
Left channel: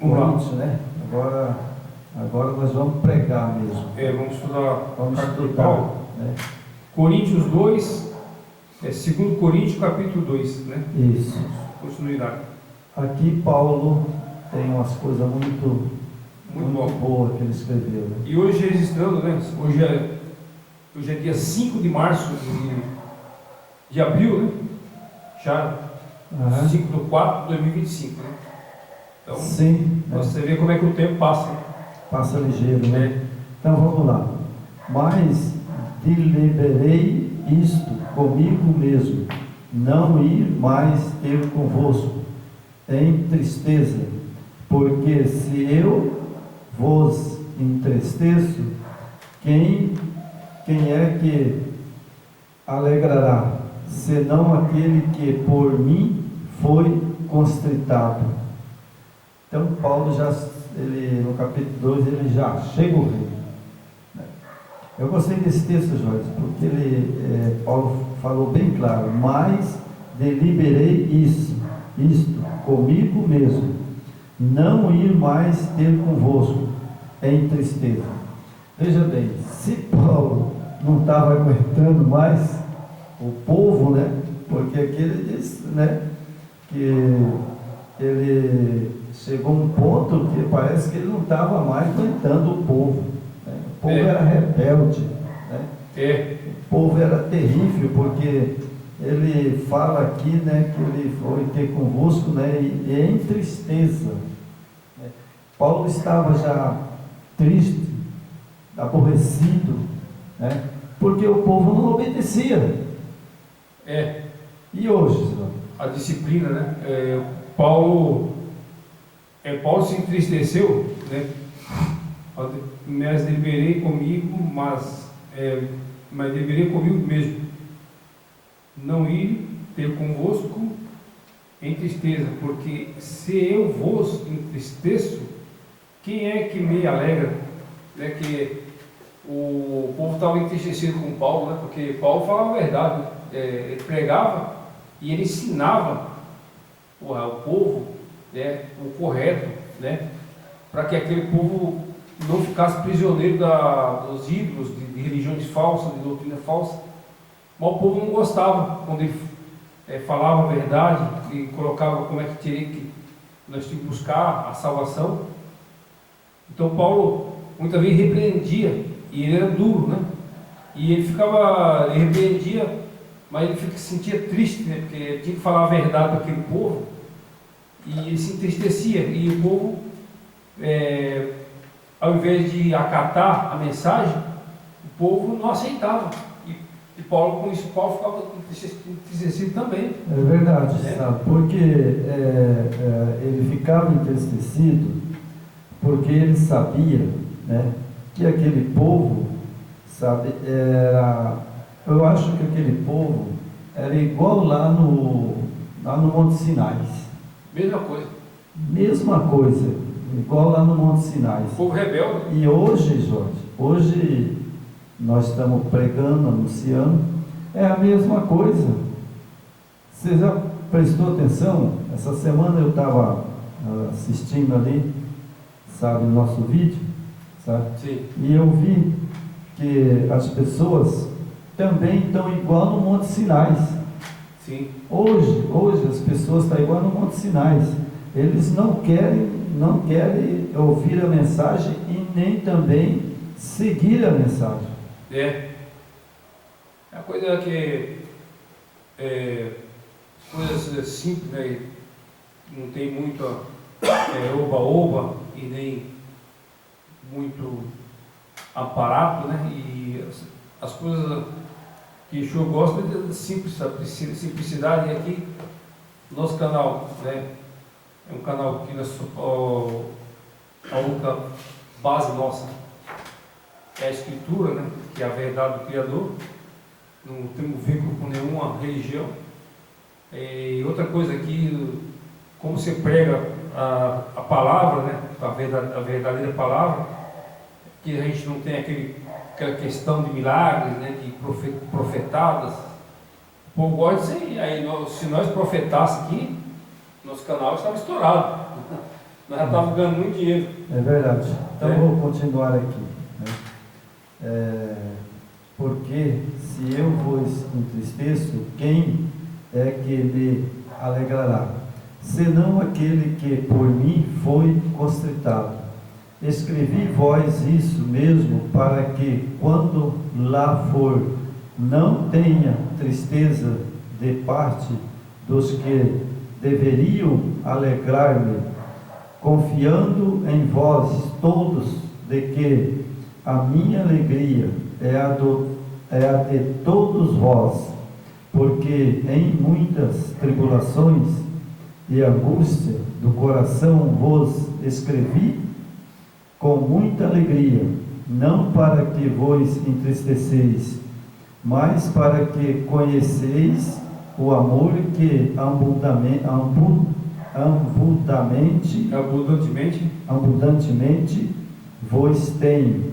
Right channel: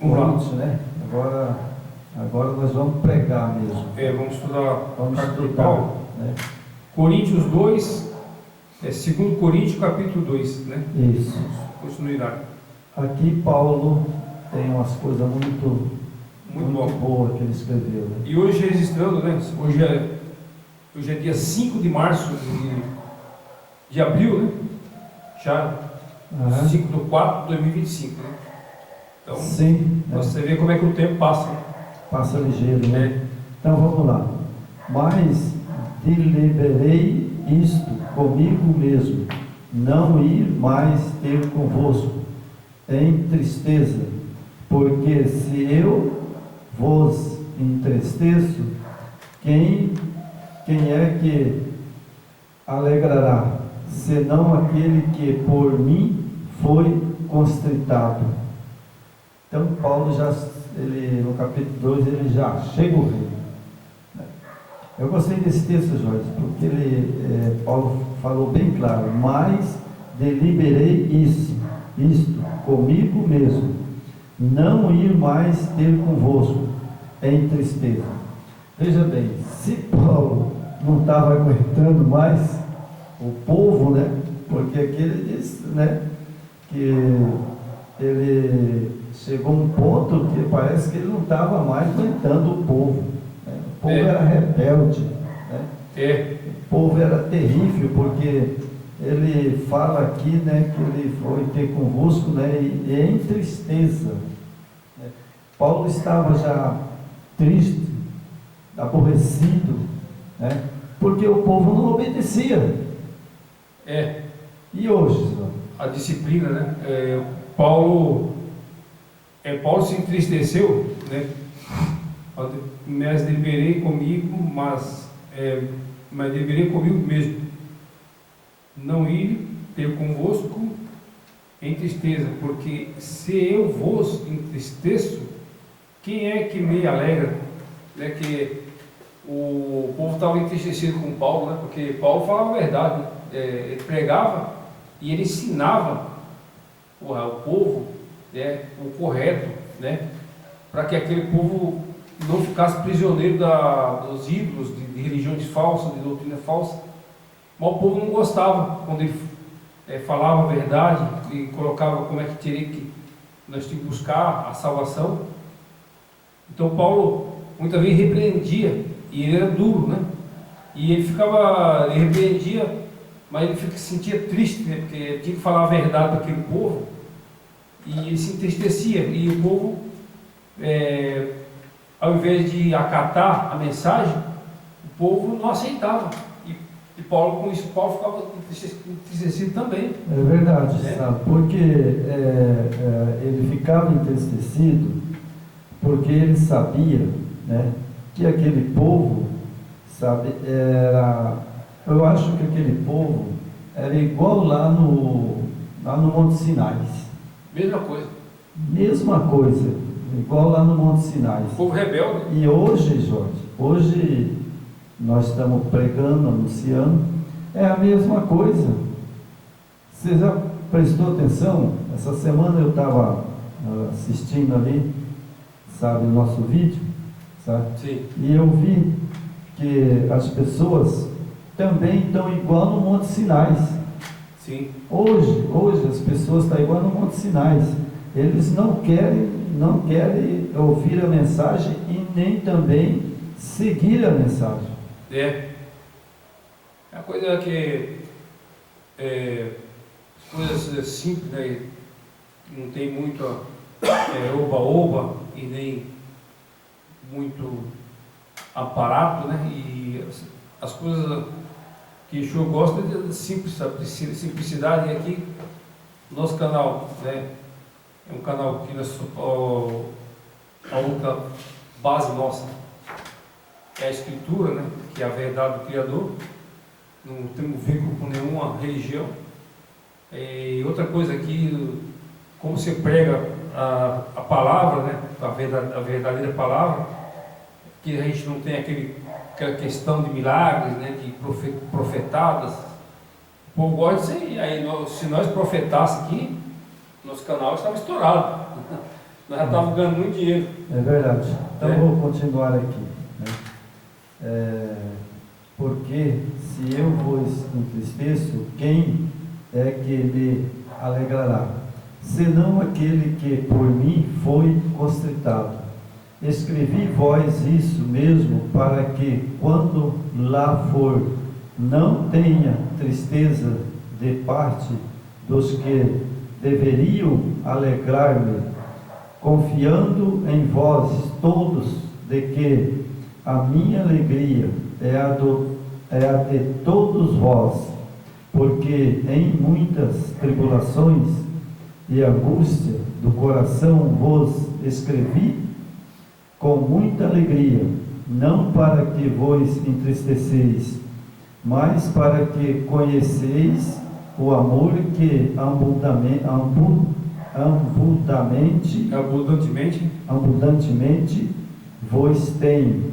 corrente, né? Agora nós vamos pregar mesmo. Vamos estudar. Vamos estudar, né? Coríntios 2, 2 Coríntios capítulo 2, né? Isso. Continuidade. Aqui Paulo tem umas coisas muito boas que ele escreveu, né? E hoje registrando, né? Hoje é dia 5 de março de abril, né? Já 5/4 de 2025, né? Então, sim, você vê como é que o tempo passa. Né? Passa ligeiro, né? Então vamos lá. Mas deliberei isto comigo mesmo, não ir mais ter convosco em tristeza, porque se eu vos entristeço, quem é que alegrará, senão aquele que por mim foi constritado? Então Paulo no capítulo 2, ele já chega o rei. Eu gostei desse texto, Jorge, porque Paulo falou bem claro, mas deliberei isto comigo mesmo, não ir mais ter convosco em tristeza. Veja bem, se Paulo não estava aguentando mais o povo, né? Porque aqui ele diz, né, que ele chegou a um ponto que parece que ele não estava mais aguentando o povo, né? O povo era rebelde, né? O povo era terrível, porque ele fala aqui, né, que ele foi ter convosco, né, e em tristeza, né? Paulo estava já triste, aborrecido, né? Porque o povo não obedecia. É. E hoje, a disciplina, né? Paulo se entristeceu, né? Mas deverei comigo, mas deverei comigo mesmo, não ir ter convosco em tristeza, porque se eu vos entristeço, quem é que me alegra? Né? Que o povo estava entristecido com Paulo, né? Porque Paulo falava a verdade, né? Ele pregava e ele ensinava o povo, né, o correto, né? Para que aquele povo não ficasse prisioneiro dos ídolos, de religiões falsas, de doutrina falsa. Mas o povo não gostava quando ele falava a verdade e colocava como é que nós tínhamos que buscar a salvação. Então Paulo muitas vezes repreendia, e ele era duro, né? E ele repreendia, mas ele se sentia triste, né? Porque ele tinha que falar a verdade para aquele povo, e ele se entristecia, e o povo, ao invés de acatar a mensagem, o povo não aceitava. E Paulo, com isso, Paulo ficava entristecido também. É verdade, sabe? Porque ele ficava entristecido porque ele sabia, né, que aquele povo, sabe, eu acho que aquele povo era igual lá no Monte Sinai. Mesma coisa. Mesma coisa, igual lá no Monte Sinai. O povo rebelde. E hoje, Jorge, nós estamos pregando, anunciando, é a mesma coisa. Você já prestou atenção? Essa semana eu estava assistindo ali, sabe, o nosso vídeo, sabe? Sim. E eu vi que as pessoas também estão igual no Monte Sinai. Sim. Hoje as pessoas estão igual no Monte Sinai. Eles não querem ouvir a mensagem e nem também seguir a mensagem. É a coisa que coisas simples, né? Não tem muito oba-oba e nem muito aparato, né? E as coisas que o senhor gosta de simplicidade. E aqui, nosso canal, né? É um canal que a única base nossa é a Escritura, né? Que é a verdade do Criador. Não temos vínculo com nenhuma religião. E outra coisa aqui, como você prega a palavra, né? A verdadeira palavra, que a gente não tem aquela questão de milagres, né? De profetadas. O povo gosta disso aí. Aí se nós profetássemos aqui, nosso canal estava estourado. Nós já estávamos ganhando muito dinheiro. É verdade. Então vou continuar aqui, né? Porque se eu vos entristeço, quem é que me alegrará? Senão aquele que por mim foi constritado. Escrevi vós isso mesmo, para que, quando lá for, não tenha tristeza de parte dos que deveriam alegrar-me, confiando em vós todos, de que a minha alegria é a de todos vós, porque em muitas tribulações e angústia do coração vos escrevi com muita alegria, não para que vos entristeceis, mas para que conheceis o amor que abundantemente vos tenho.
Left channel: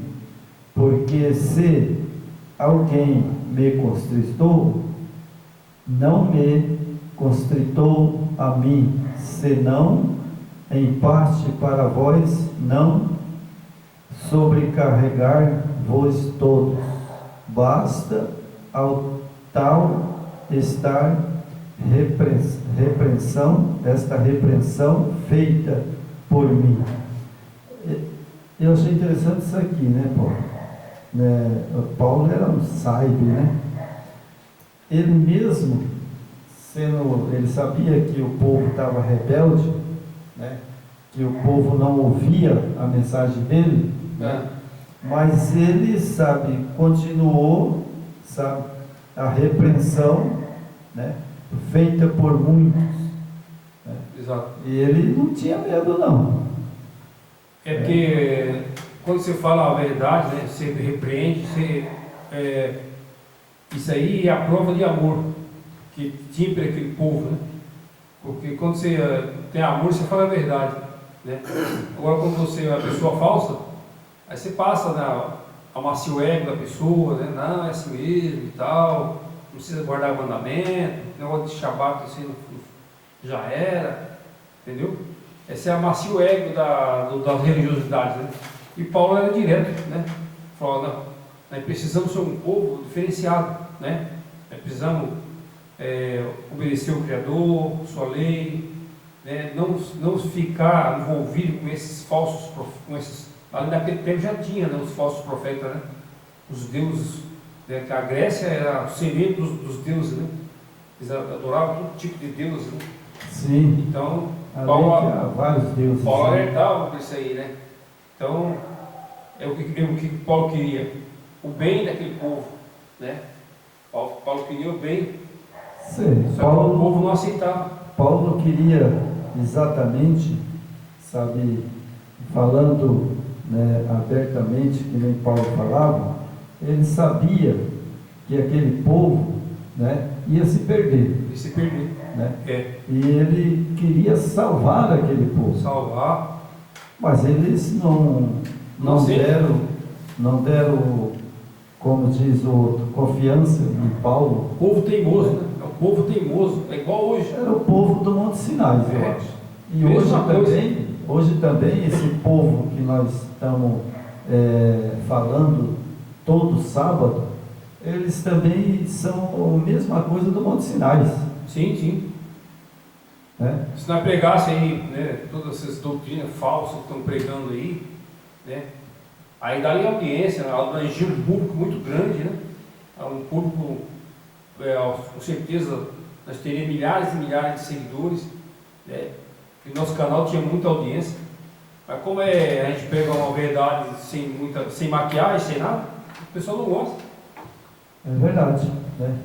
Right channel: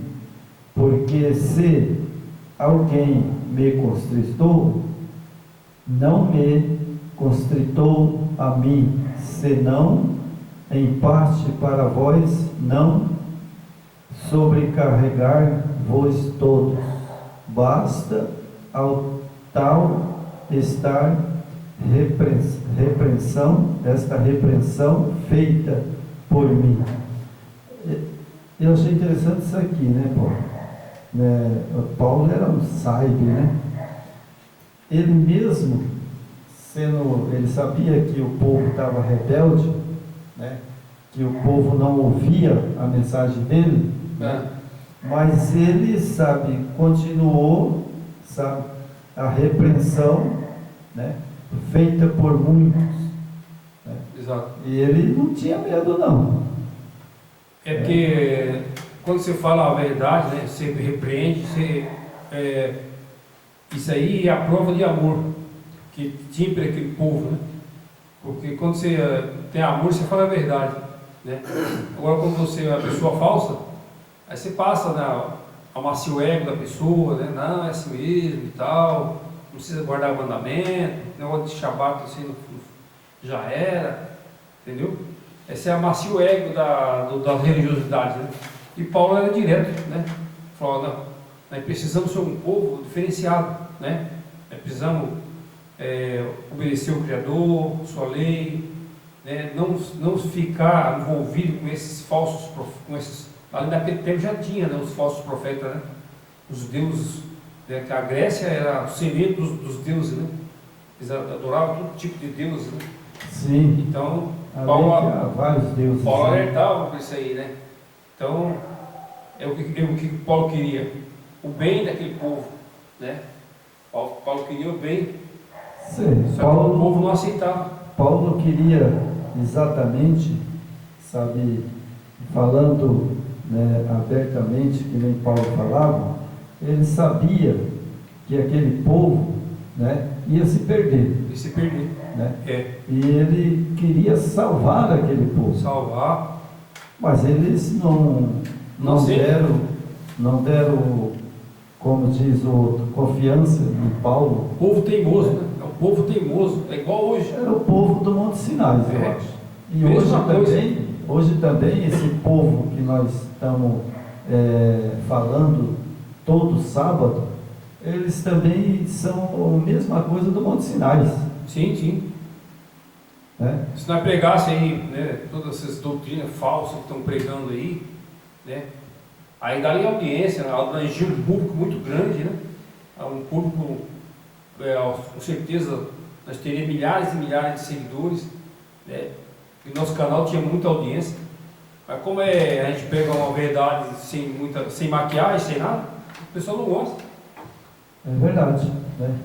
Porque se alguém me constritou, não me constritou a mim, senão em parte para vós não sobrecarregar-vos todos. Basta ao tal esta repreensão feita por mim. Eu achei interessante isso aqui, né, Paulo? Paulo era um sábio, né? Ele mesmo, ele sabia que o povo estava rebelde, né? Que o povo não ouvia a mensagem dele, né? Mas ele, continuou, a repreensão, né? feita por muitos. Né? Exato. E ele não tinha medo, não. É porque quando você fala a verdade, né, você repreende, isso aí é a prova de amor que tinha para aquele povo, né? Porque quando você tem amor, você fala a verdade, né? Agora, quando você é uma pessoa falsa, aí você passa, né, amacia o ego da pessoa, né? Não, é assim mesmo e tal, não precisa guardar mandamento, negócio de Shabat, assim, já era, entendeu? Esse é amacia o ego das religiosidades, né? E Paulo era direto, né? Falou, não, nós precisamos ser um povo diferenciado, né? Nós precisamos obedecer o Criador, sua lei, né? Não ficar envolvido com esses falsos, ali naquele tempo já tinha, né, os falsos profetas, né? Os deuses, né? Que a Grécia era o celeiro dos deuses, né? Eles adoravam todo tipo de deuses, né? Sim. Então, Paulo vários deuses. Paulo alertava por isso aí, né? Então, é o que Paulo queria, o bem daquele povo, né? Paulo queria o bem. Sim. Só que o povo não aceitava. Paulo queria exatamente, sabe, falando, né, abertamente, que nem Paulo falava, ele sabia que aquele povo, né, ia se perder. E se perder. Né? E ele queria salvar aquele povo. Salvar. Mas eles não deram, como diz o outro, confiança em Paulo. O povo teimoso, né? É o povo teimoso, é igual hoje. Era o povo do Monte Sinai, eu acho. E hoje também esse povo que nós estamos falando todo sábado, eles também são a mesma coisa do Monte Sinai. Sim, sim. Né? Se nós pregasse aí, né, todas essas doutrinas falsas que estão pregando aí, né, aí daria audiência, né, abrangia um público muito grande, né, um público, com certeza, nós teríamos milhares e milhares de seguidores, né, e nosso canal tinha muita audiência, mas como a gente pega uma verdade sem maquiagem, sem nada, o pessoal não gosta. É verdade, né?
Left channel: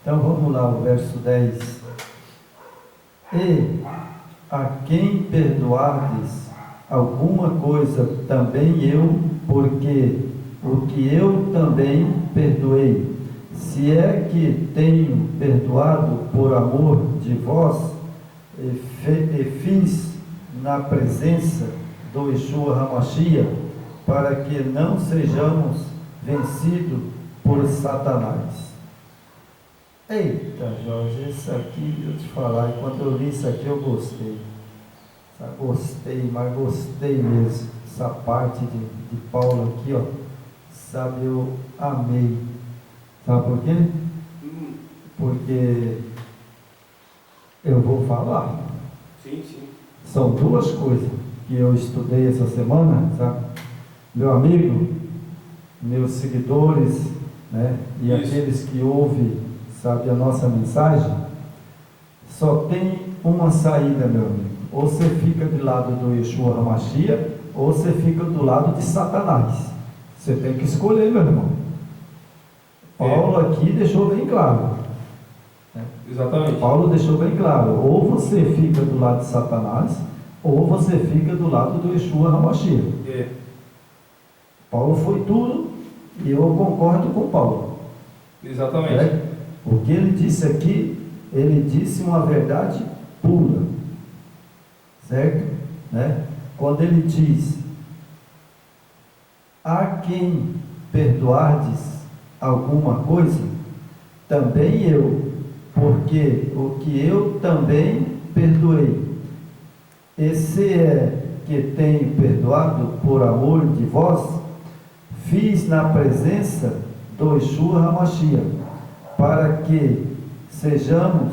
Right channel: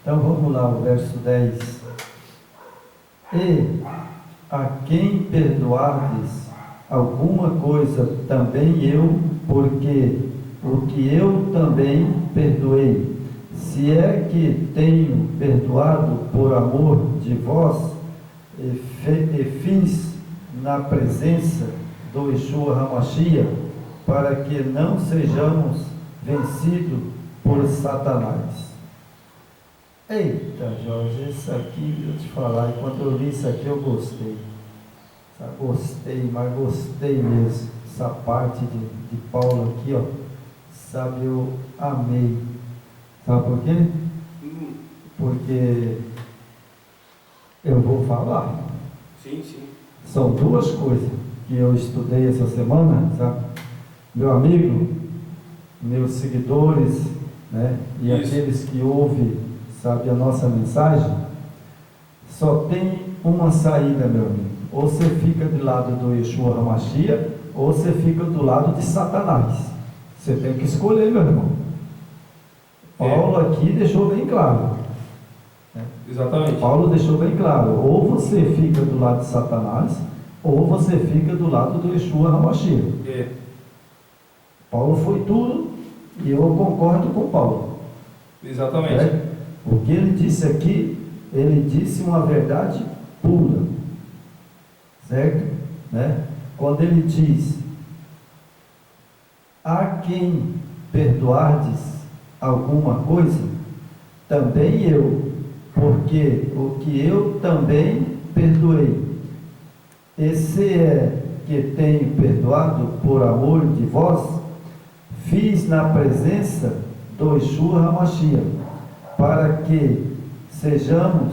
Então vamos lá, o verso 10. E a quem perdoardes alguma coisa, também eu, porque o que eu também perdoei. Se é que tenho perdoado por amor de vós, e fiz na presença do Yeshua HaMashiach, para que não sejamos vencidos por Satanás. Eita, Jorge, isso aqui, eu te falar, e quando eu li isso aqui eu gostei. Mas gostei mesmo. Essa parte de Paulo aqui, ó, sabe, eu amei. Sabe por quê? Porque eu vou falar. Sim, sim. São duas coisas que eu estudei essa semana, sabe? Meu amigo, meus seguidores, né? E Isso. Aqueles que ouvem, sabe, a nossa mensagem, só tem uma saída, meu amigo. Ou você fica do lado do Yeshua HaMashiach, ou você fica do lado de Satanás. Você tem que escolher, meu irmão. Paulo aqui deixou bem claro. Exatamente. Paulo deixou bem claro. Ou você fica do lado de Satanás, ou você fica do lado do Yeshua HaMashiach. Paulo foi tudo, e eu concordo com Paulo. Exatamente. O que ele disse aqui, ele disse uma verdade pura, certo? Né? Quando ele diz: a quem perdoardes alguma coisa, também eu, porque o que eu também perdoei. Esse é que tenho perdoado por amor de vós, fiz na presença do Yeshua HaMashiach, para que sejamos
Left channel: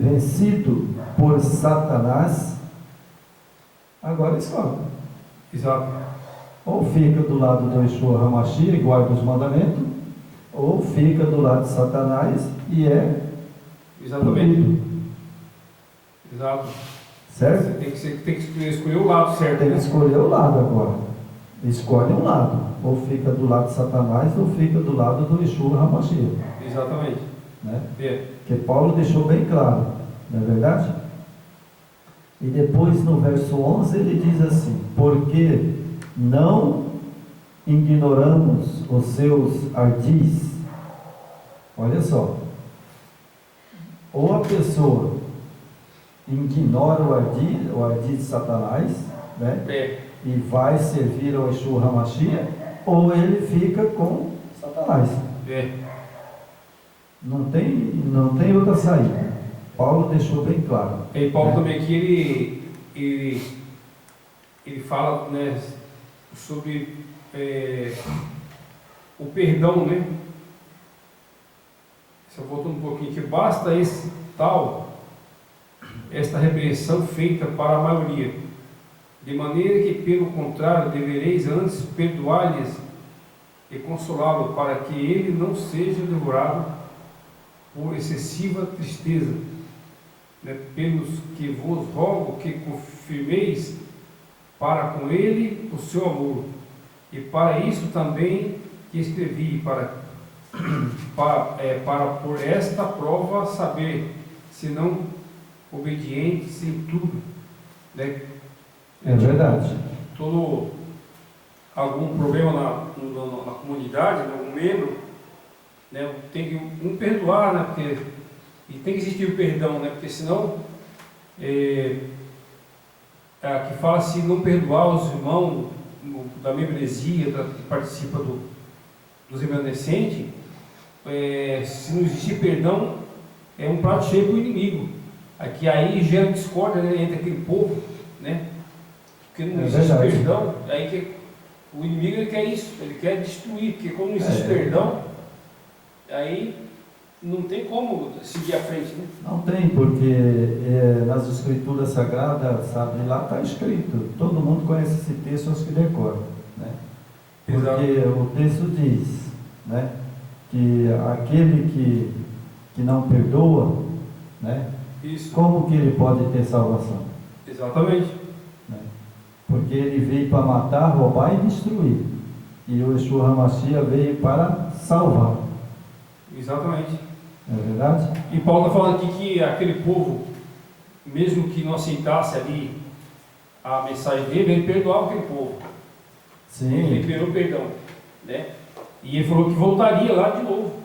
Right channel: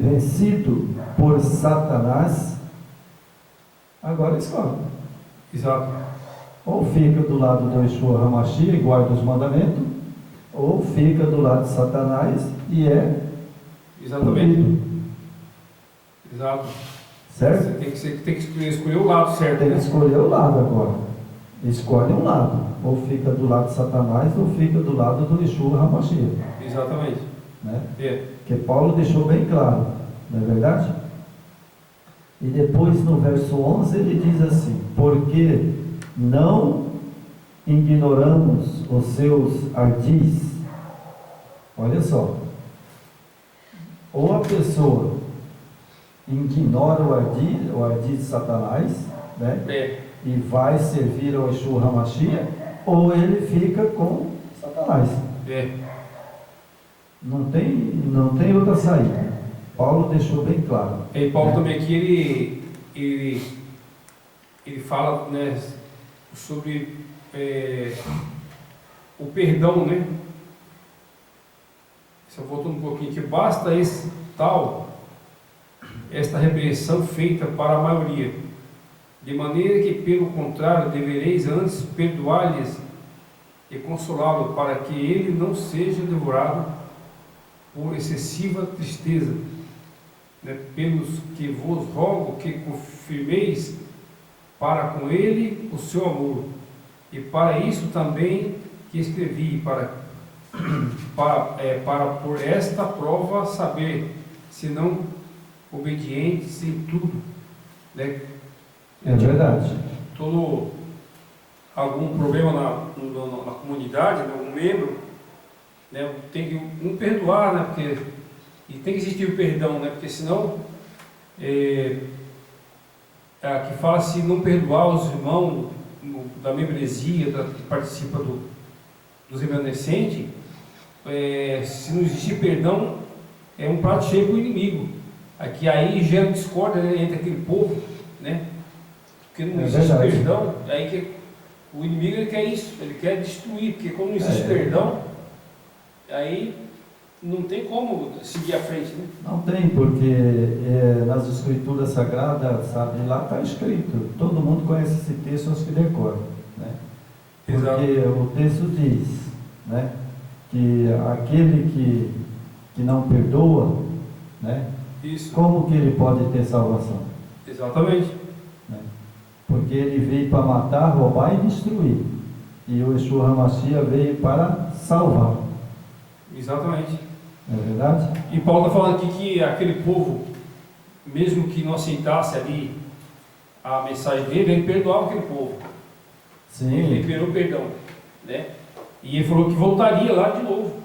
vencido por Satanás. Agora escolhe. Exato. Ou fica do lado do Yeshua HaMashiach e guarda os mandamentos, ou fica do lado de Satanás e é exatamente punido. Exato. Certo? Você tem que escolher o lado certo. Tem que escolher o lado agora. escolhe um lado, ou fica do lado de Satanás, ou fica do lado do Yeshua HaMashiach. Exatamente. Né? É. Que Paulo deixou bem claro, não é verdade? E depois no verso 11 ele diz assim: porque não ignoramos os seus ardis. Olha só, ou a pessoa ignora o ardid de Satanás, né? E vai servir ao Yeshua HaMashiach, ou ele fica com Satanás. Não tem outra saída. Paulo deixou bem claro. E Paulo também aqui ele fala, né, sobre o perdão, né? Só voltando um pouquinho, que basta esta repreensão feita para a maioria, de maneira que, pelo contrário, devereis antes perdoar-lhes e consolá-lo, para que ele não seja devorado por excessiva tristeza, né? Pelos que vos rogo que confirmeis para com ele o seu amor, e para isso também que escrevi, para por esta prova saber se não obedientes em tudo, né? É verdade. Todo algum problema na comunidade, né, um membro, né, tem que perdoar, né, porque e tem que existir o perdão, né, porque senão que fala se não perdoar os irmãos da membresia que participa dos remanescentes, se não existir perdão, é um prato cheio para o inimigo. Aqui aí gera discórdia, né, entre aquele povo, né? Porque não existe perdão, aí que o inimigo ele quer isso, ele quer destruir, porque como não existe perdão, aí não tem como seguir à frente, né? Não tem, porque nas escrituras sagradas, sabe, lá está escrito, todo mundo conhece esse texto, acho que decora, né? Porque o texto diz, né, que aquele que não perdoa, né, isso. Como que ele pode ter salvação? Exatamente. Né? Porque ele veio para matar, roubar e destruir. E o Yeshua HaMashiach veio para salvar. Exatamente. É verdade? E Paulo está falando aqui que aquele povo, mesmo que não aceitasse ali a mensagem dele, ele perdoava aquele povo. Sim. Ele liberou perdão, né? E ele falou que voltaria lá de novo.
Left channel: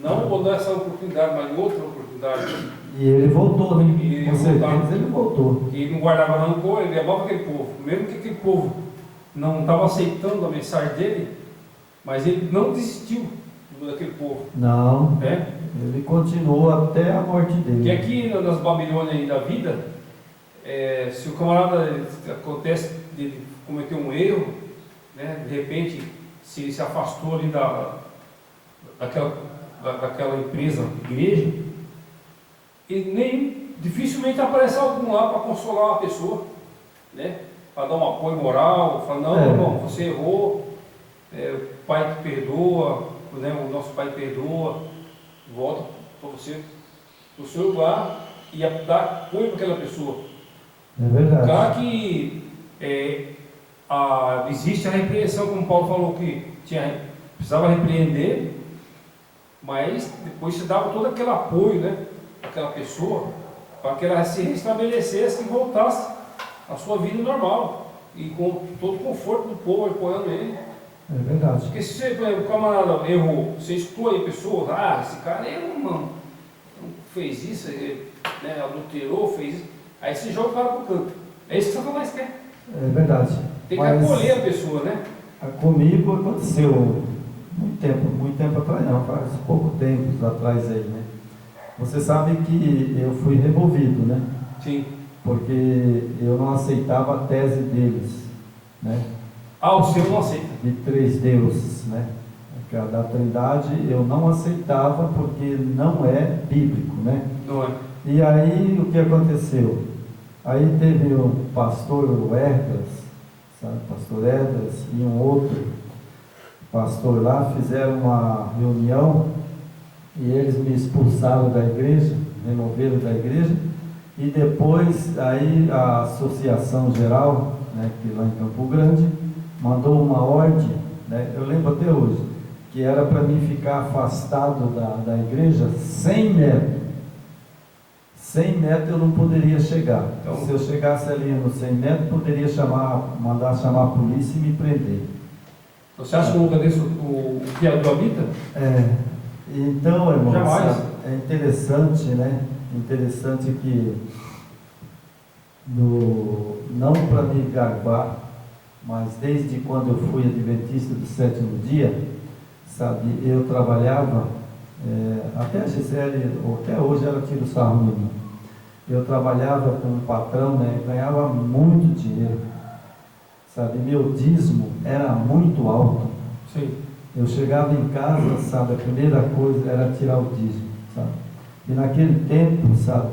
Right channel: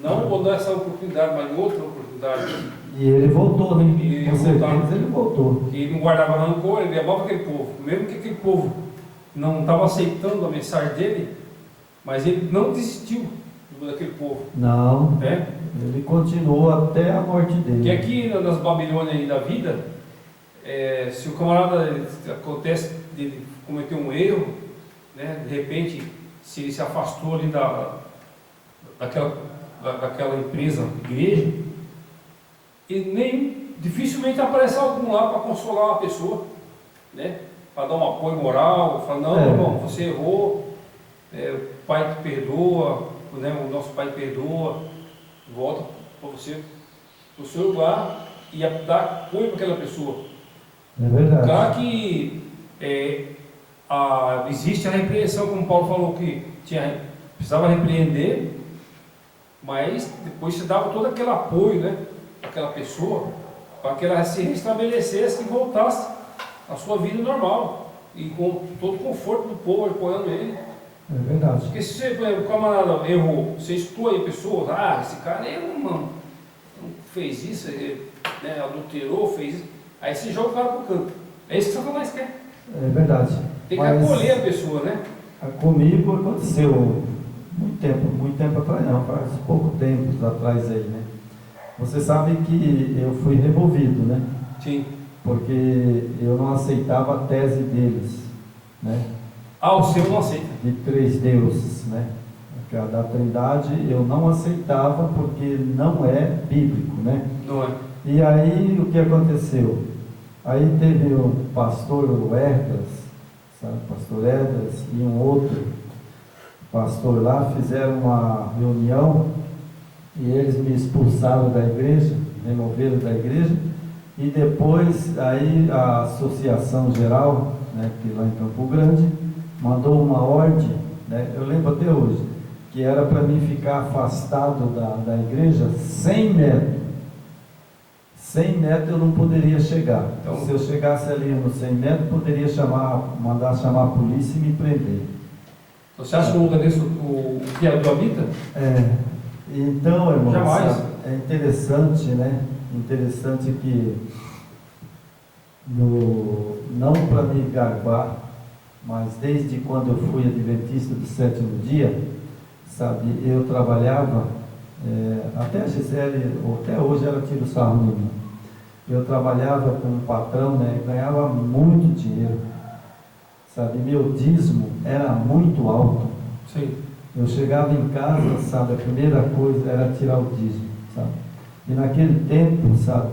Não vou dar essa oportunidade, mas outra oportunidade. E ele voltou, né? Com certeza ele voltou. Que ele não guardava rancor, ele amava aquele povo. Mesmo que aquele povo não estava aceitando a mensagem dele, mas ele não desistiu daquele povo. Não. Né? Ele continuou até a morte dele. Que aqui nas Babilônias da vida, se o camarada acontece de ele cometer um erro, né, de repente, se ele se afastou ali daquela empresa, igreja, e dificilmente aparece algum lá para consolar uma pessoa, né, para dar um apoio moral, falar, não, irmão, você errou, o Pai te perdoa, né, o nosso Pai perdoa, volta para você, para o seu lugar e dar apoio para aquela pessoa. É verdade. Claro que existe a repreensão, como Paulo falou, que precisava repreender, mas depois se dava todo aquele apoio, né, àquela pessoa, para que ela se restabelecesse e voltasse à sua vida normal, e com todo o conforto do povo apoiando ele. É verdade. Porque se você, por exemplo, o camarada errou, você escutou aí pessoas, esse cara não fez isso, ele, né, adulterou, fez isso, aí você joga o cara pro canto. É isso que Satanás quer. É verdade. Tem que acolher a pessoa, né? Comigo aconteceu muito tempo atrás, não, faz pouco tempo atrás aí, né? Você sabe que eu fui removido, né? Sim. Porque eu não aceitava a tese deles, né? O seu não aceita. De 3 deuses, né? Da Trindade eu não aceitava porque não é bíblico, né? Não é. E aí o que aconteceu? Aí teve o pastor Edras, sabe? Pastor Edras e um outro pastor lá fizeram uma reunião e eles me expulsaram da igreja, removeram da igreja, e depois aí a Associação Geral, né, que lá em Campo Grande, mandou uma ordem, né? Eu lembro até hoje, que era para mim ficar afastado da igreja 100 metros. 100 metros eu não poderia chegar. Então, se eu chegasse ali nos 100 metros, poderia mandar chamar a polícia e me prender. Você acha que no lugar desse o criador habita? Então, irmão, Jamais. é interessante, né? Interessante que, não para me gabar, mas desde quando eu fui adventista do sétimo dia, sabe, eu trabalhava, até a Gisele, até hoje ela tira o sarro de mim. Eu trabalhava com um patrão, né? Ganhava muito dinheiro, sabe? Meu dízimo era muito alto. Sim. Eu chegava em casa, sabe? A primeira coisa era tirar o dízimo, sabe? E naquele tempo, sabe?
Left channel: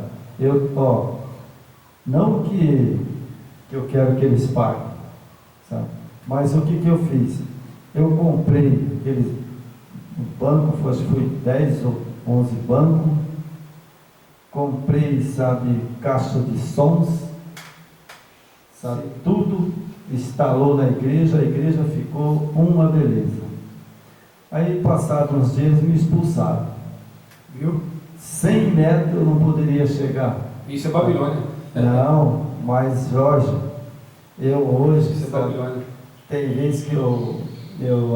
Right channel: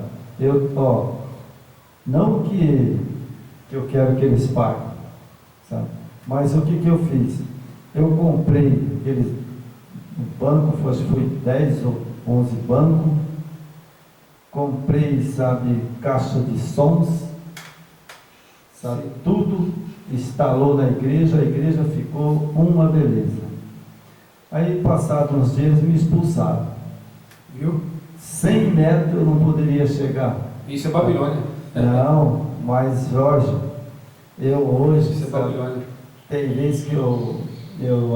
Não que eu quero que eles paguem, sabe? Mas o que eu fiz? Eu comprei o banco, acho que foi 10 ou 11 bancos, comprei, sabe, caixa de sons, sabe, tudo instalou na igreja, a igreja ficou uma beleza. Aí, passados uns dias, me expulsaram. Viu? 100 metros eu não poderia chegar. Isso é Babilônia. Não, mas Jorge, eu hoje, Isso é sabe, Babilônia. tem vezes que eu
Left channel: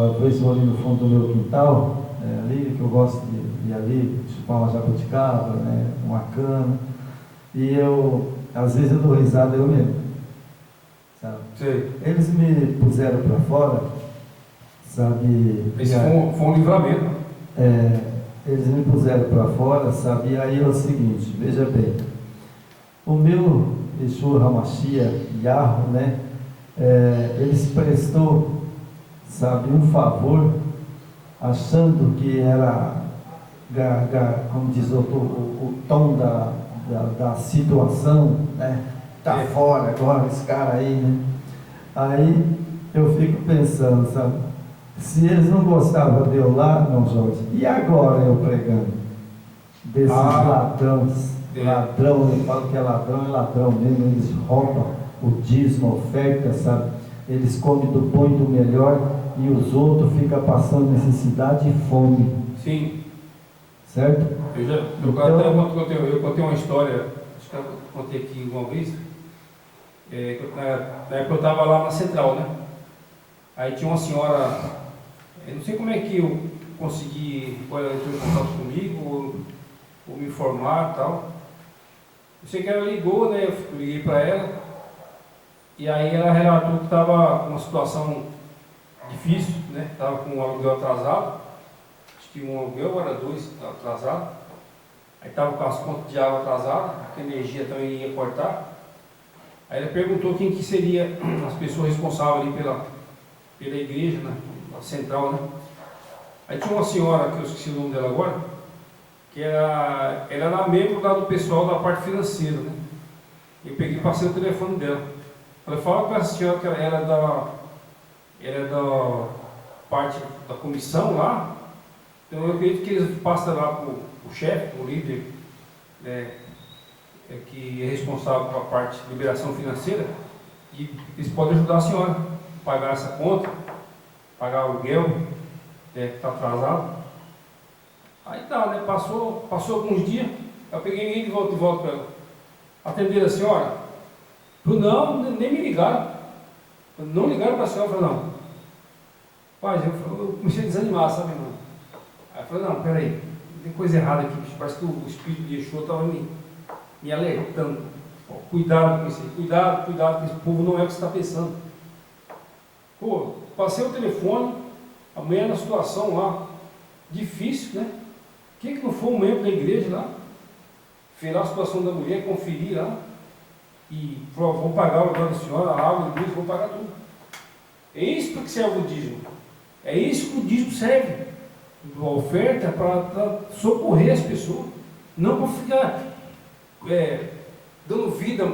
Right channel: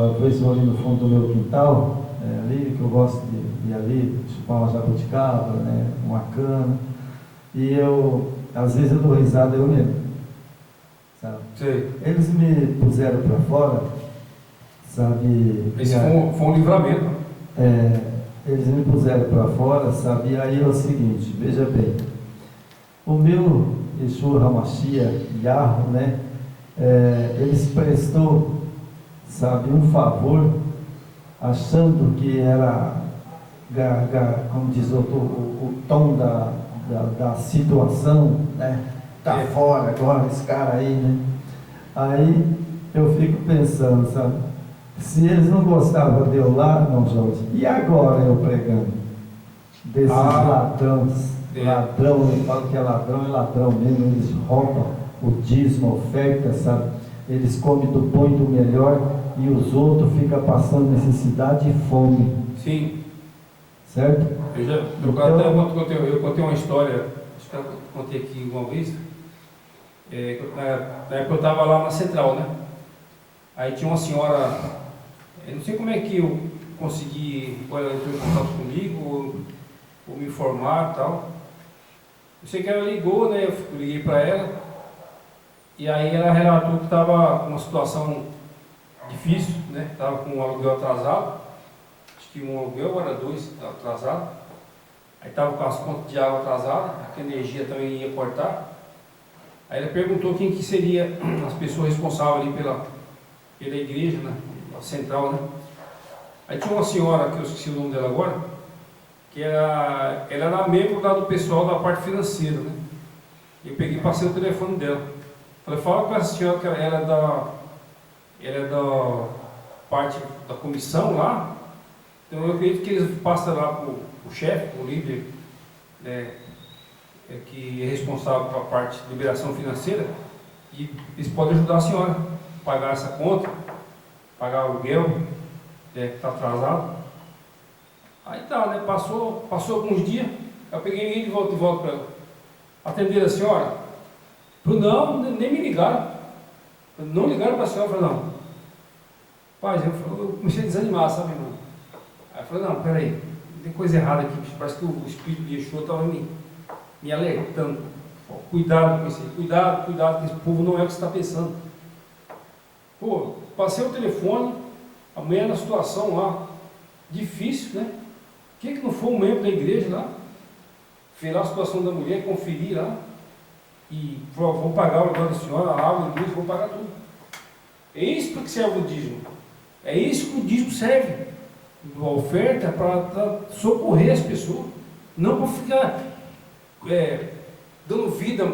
às vezes vou ali no fundo do meu quintal, ali que eu gosto de ir ali, chupar uma jabuticaba, né, uma cana, e às vezes eu dou risada eu mesmo, sabe? Sim. Eles me puseram para fora, sabe? Esse foi um livramento. Eles me puseram para fora, sabe? E aí é o seguinte, veja bem, o meu Yeshua HaMashiach, Yahweh, né? Eles prestou, sabe, um favor, achando que era, como diz o tom da situação, né? Tá fora agora, esse cara aí, né? Aí eu fico pensando, sabe? Se eles não gostavam de eu lá, não, Jorge, e agora eu pregando? Desses ladrões, ladrão, eu falo que é ladrão mesmo, eles roubam o dízimo, a oferta, sabe? Eles comem do bom e do melhor e os outros ficam passando necessidade e fome. Sim. Certo? Eu contei uma história, acho que eu contei aqui uma vez, na época eu estava lá na Central, né? Aí tinha uma senhora, eu não sei como é que eu consegui, ela entrou em contato comigo, ou me informar e tal. Eu sei que ela ligou, né? Eu liguei para ela, e aí ela relatou que estava com uma situação difícil, né? Estava com um aluguel atrasado, acho que um aluguel era 2 atrasado, aí estava com as contas de água atrasadas, a energia também ia cortar. Aí ela perguntou quem que seria as pessoas responsáveis ali pela igreja, né? Na Central, né? Aí tinha uma senhora, que eu esqueci o nome dela agora, que ela era membro lá do pessoal da parte financeira, né? Eu peguei e passei o telefone dela. Falei, fala com essa senhora que ela é da parte da comissão lá, então eu acredito que eles passam lá para o chefe, o líder, que é responsável pela parte de liberação financeira, e eles podem ajudar a senhora a pagar essa conta, pagar o aluguel, que está atrasado. Aí tá, né? Passou alguns dias, eu peguei ninguém de volta para ela. Atender a senhora? Não, nem me ligaram. Não ligaram para a senhora, eu falei, não. Pai, eu comecei a desanimar, sabe, irmão? Aí eu falei, não, peraí, tem coisa errada aqui, parece que o espírito de Yeshua estava me alertando. Cuidado com isso aí, cuidado, que esse povo não é o que você está pensando. Pô, passei o telefone, a mulher na situação lá, difícil, né? Por que não foi um membro da igreja lá? Fez lá a situação da mulher, conferir lá, e falou, vou pagar o aluguel da senhora, a água, a luz, vou pagar tudo. É isso para que serve o dízimo. É isso que o dízimo serve. A oferta é para socorrer as pessoas, não para ficar dando vida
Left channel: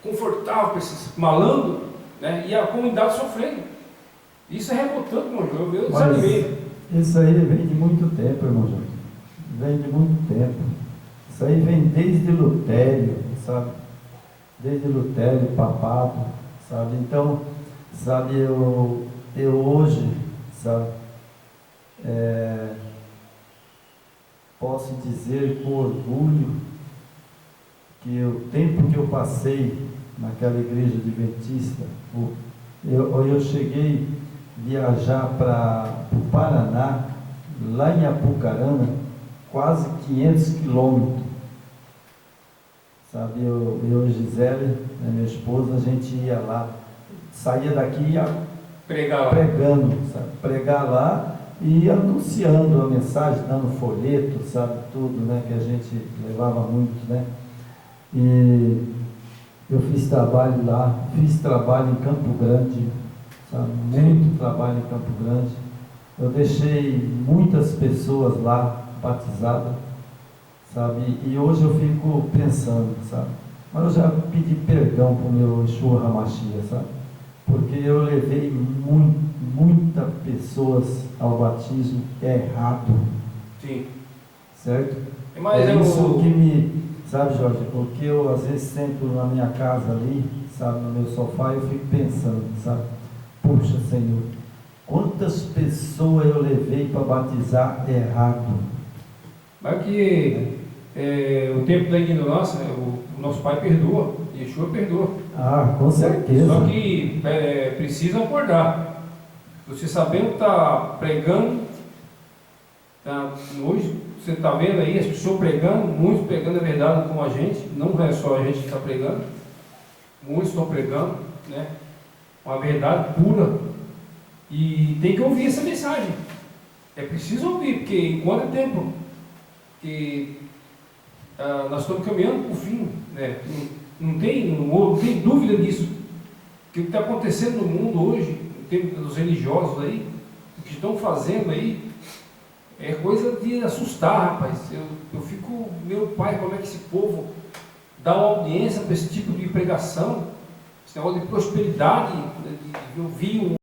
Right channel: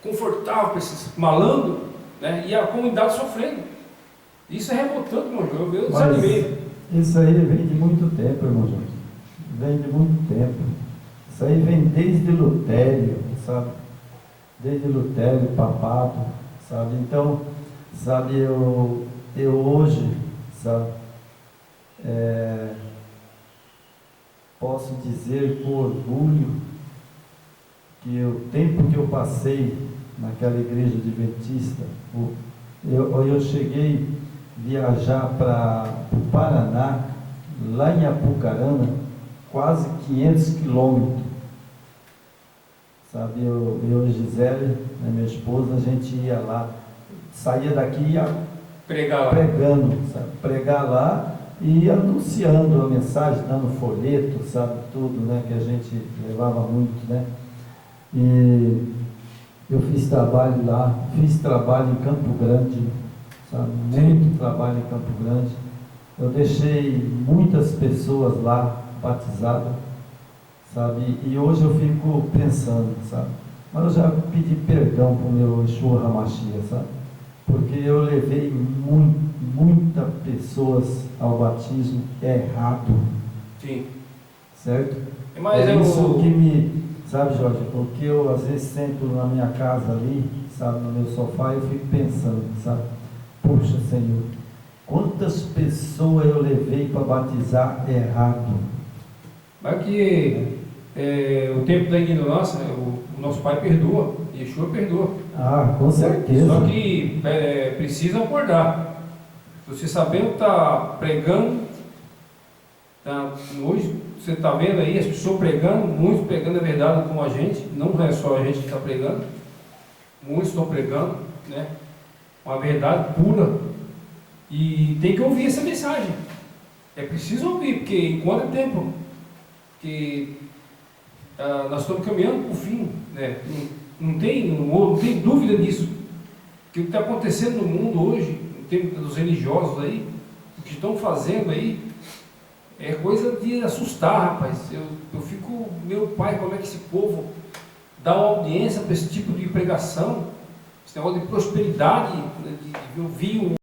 confortável para esses malandros, né? E a comunidade sofrendo. Isso é revoltante, irmão Jorge. Eu desanimei. Isso aí vem de muito tempo, irmão Jorge. Vem de muito tempo. Isso aí vem desde Lutério, sabe? Desde Lutério, papado, sabe? Então, Sabe, eu hoje, sabe, posso dizer com orgulho que o tempo que eu passei naquela igreja adventista, eu cheguei a viajar para o Paraná, lá em Apucarana, quase 500 quilômetros. Sabe, eu e Gisele, né, minha esposa, a gente ia lá, saía daqui e ia pregando, sabe, pregar lá e anunciando a mensagem, dando folheto, sabe, tudo, né, que a gente levava muito, né. E eu fiz trabalho lá, fiz trabalho em Campo Grande, sabe, muito trabalho em Campo Grande. Eu deixei muitas pessoas lá batizadas, sabe, e hoje eu fico pensando, sabe, mas eu já pedi perdão para o meu Yeshua Hamashia, sabe, porque eu levei muitas pessoas ao batismo errado. Sim. Certo? Mas isso que me, sabe, Jorge, o que eu às vezes sento na minha casa ali, sabe, no meu sofá, eu fico pensando, sabe, puxa, Senhor, quantas pessoas eu levei para batizar errado. Mas que o tempo da ignorância, o nosso Pai perdoa, Yeshua perdoa. Ah, com certeza. Só que precisa acordar. Você sabendo que está pregando, hoje você está vendo aí as pessoas pregando, muitos pregando a verdade com a gente, não é só a gente que está pregando, muitos estão pregando, né? Uma verdade pura, e tem que ouvir essa mensagem. É preciso ouvir, porque enquanto é tempo que nós estamos caminhando para o fim, né? Não tem dúvida disso. Que o que está acontecendo no mundo hoje, no tempo dos religiosos aí, o que estão fazendo aí, é coisa de assustar, rapaz. Eu fico, meu pai, como é que esse povo dá uma audiência para esse tipo de pregação, esse negócio de prosperidade, né, de ouvir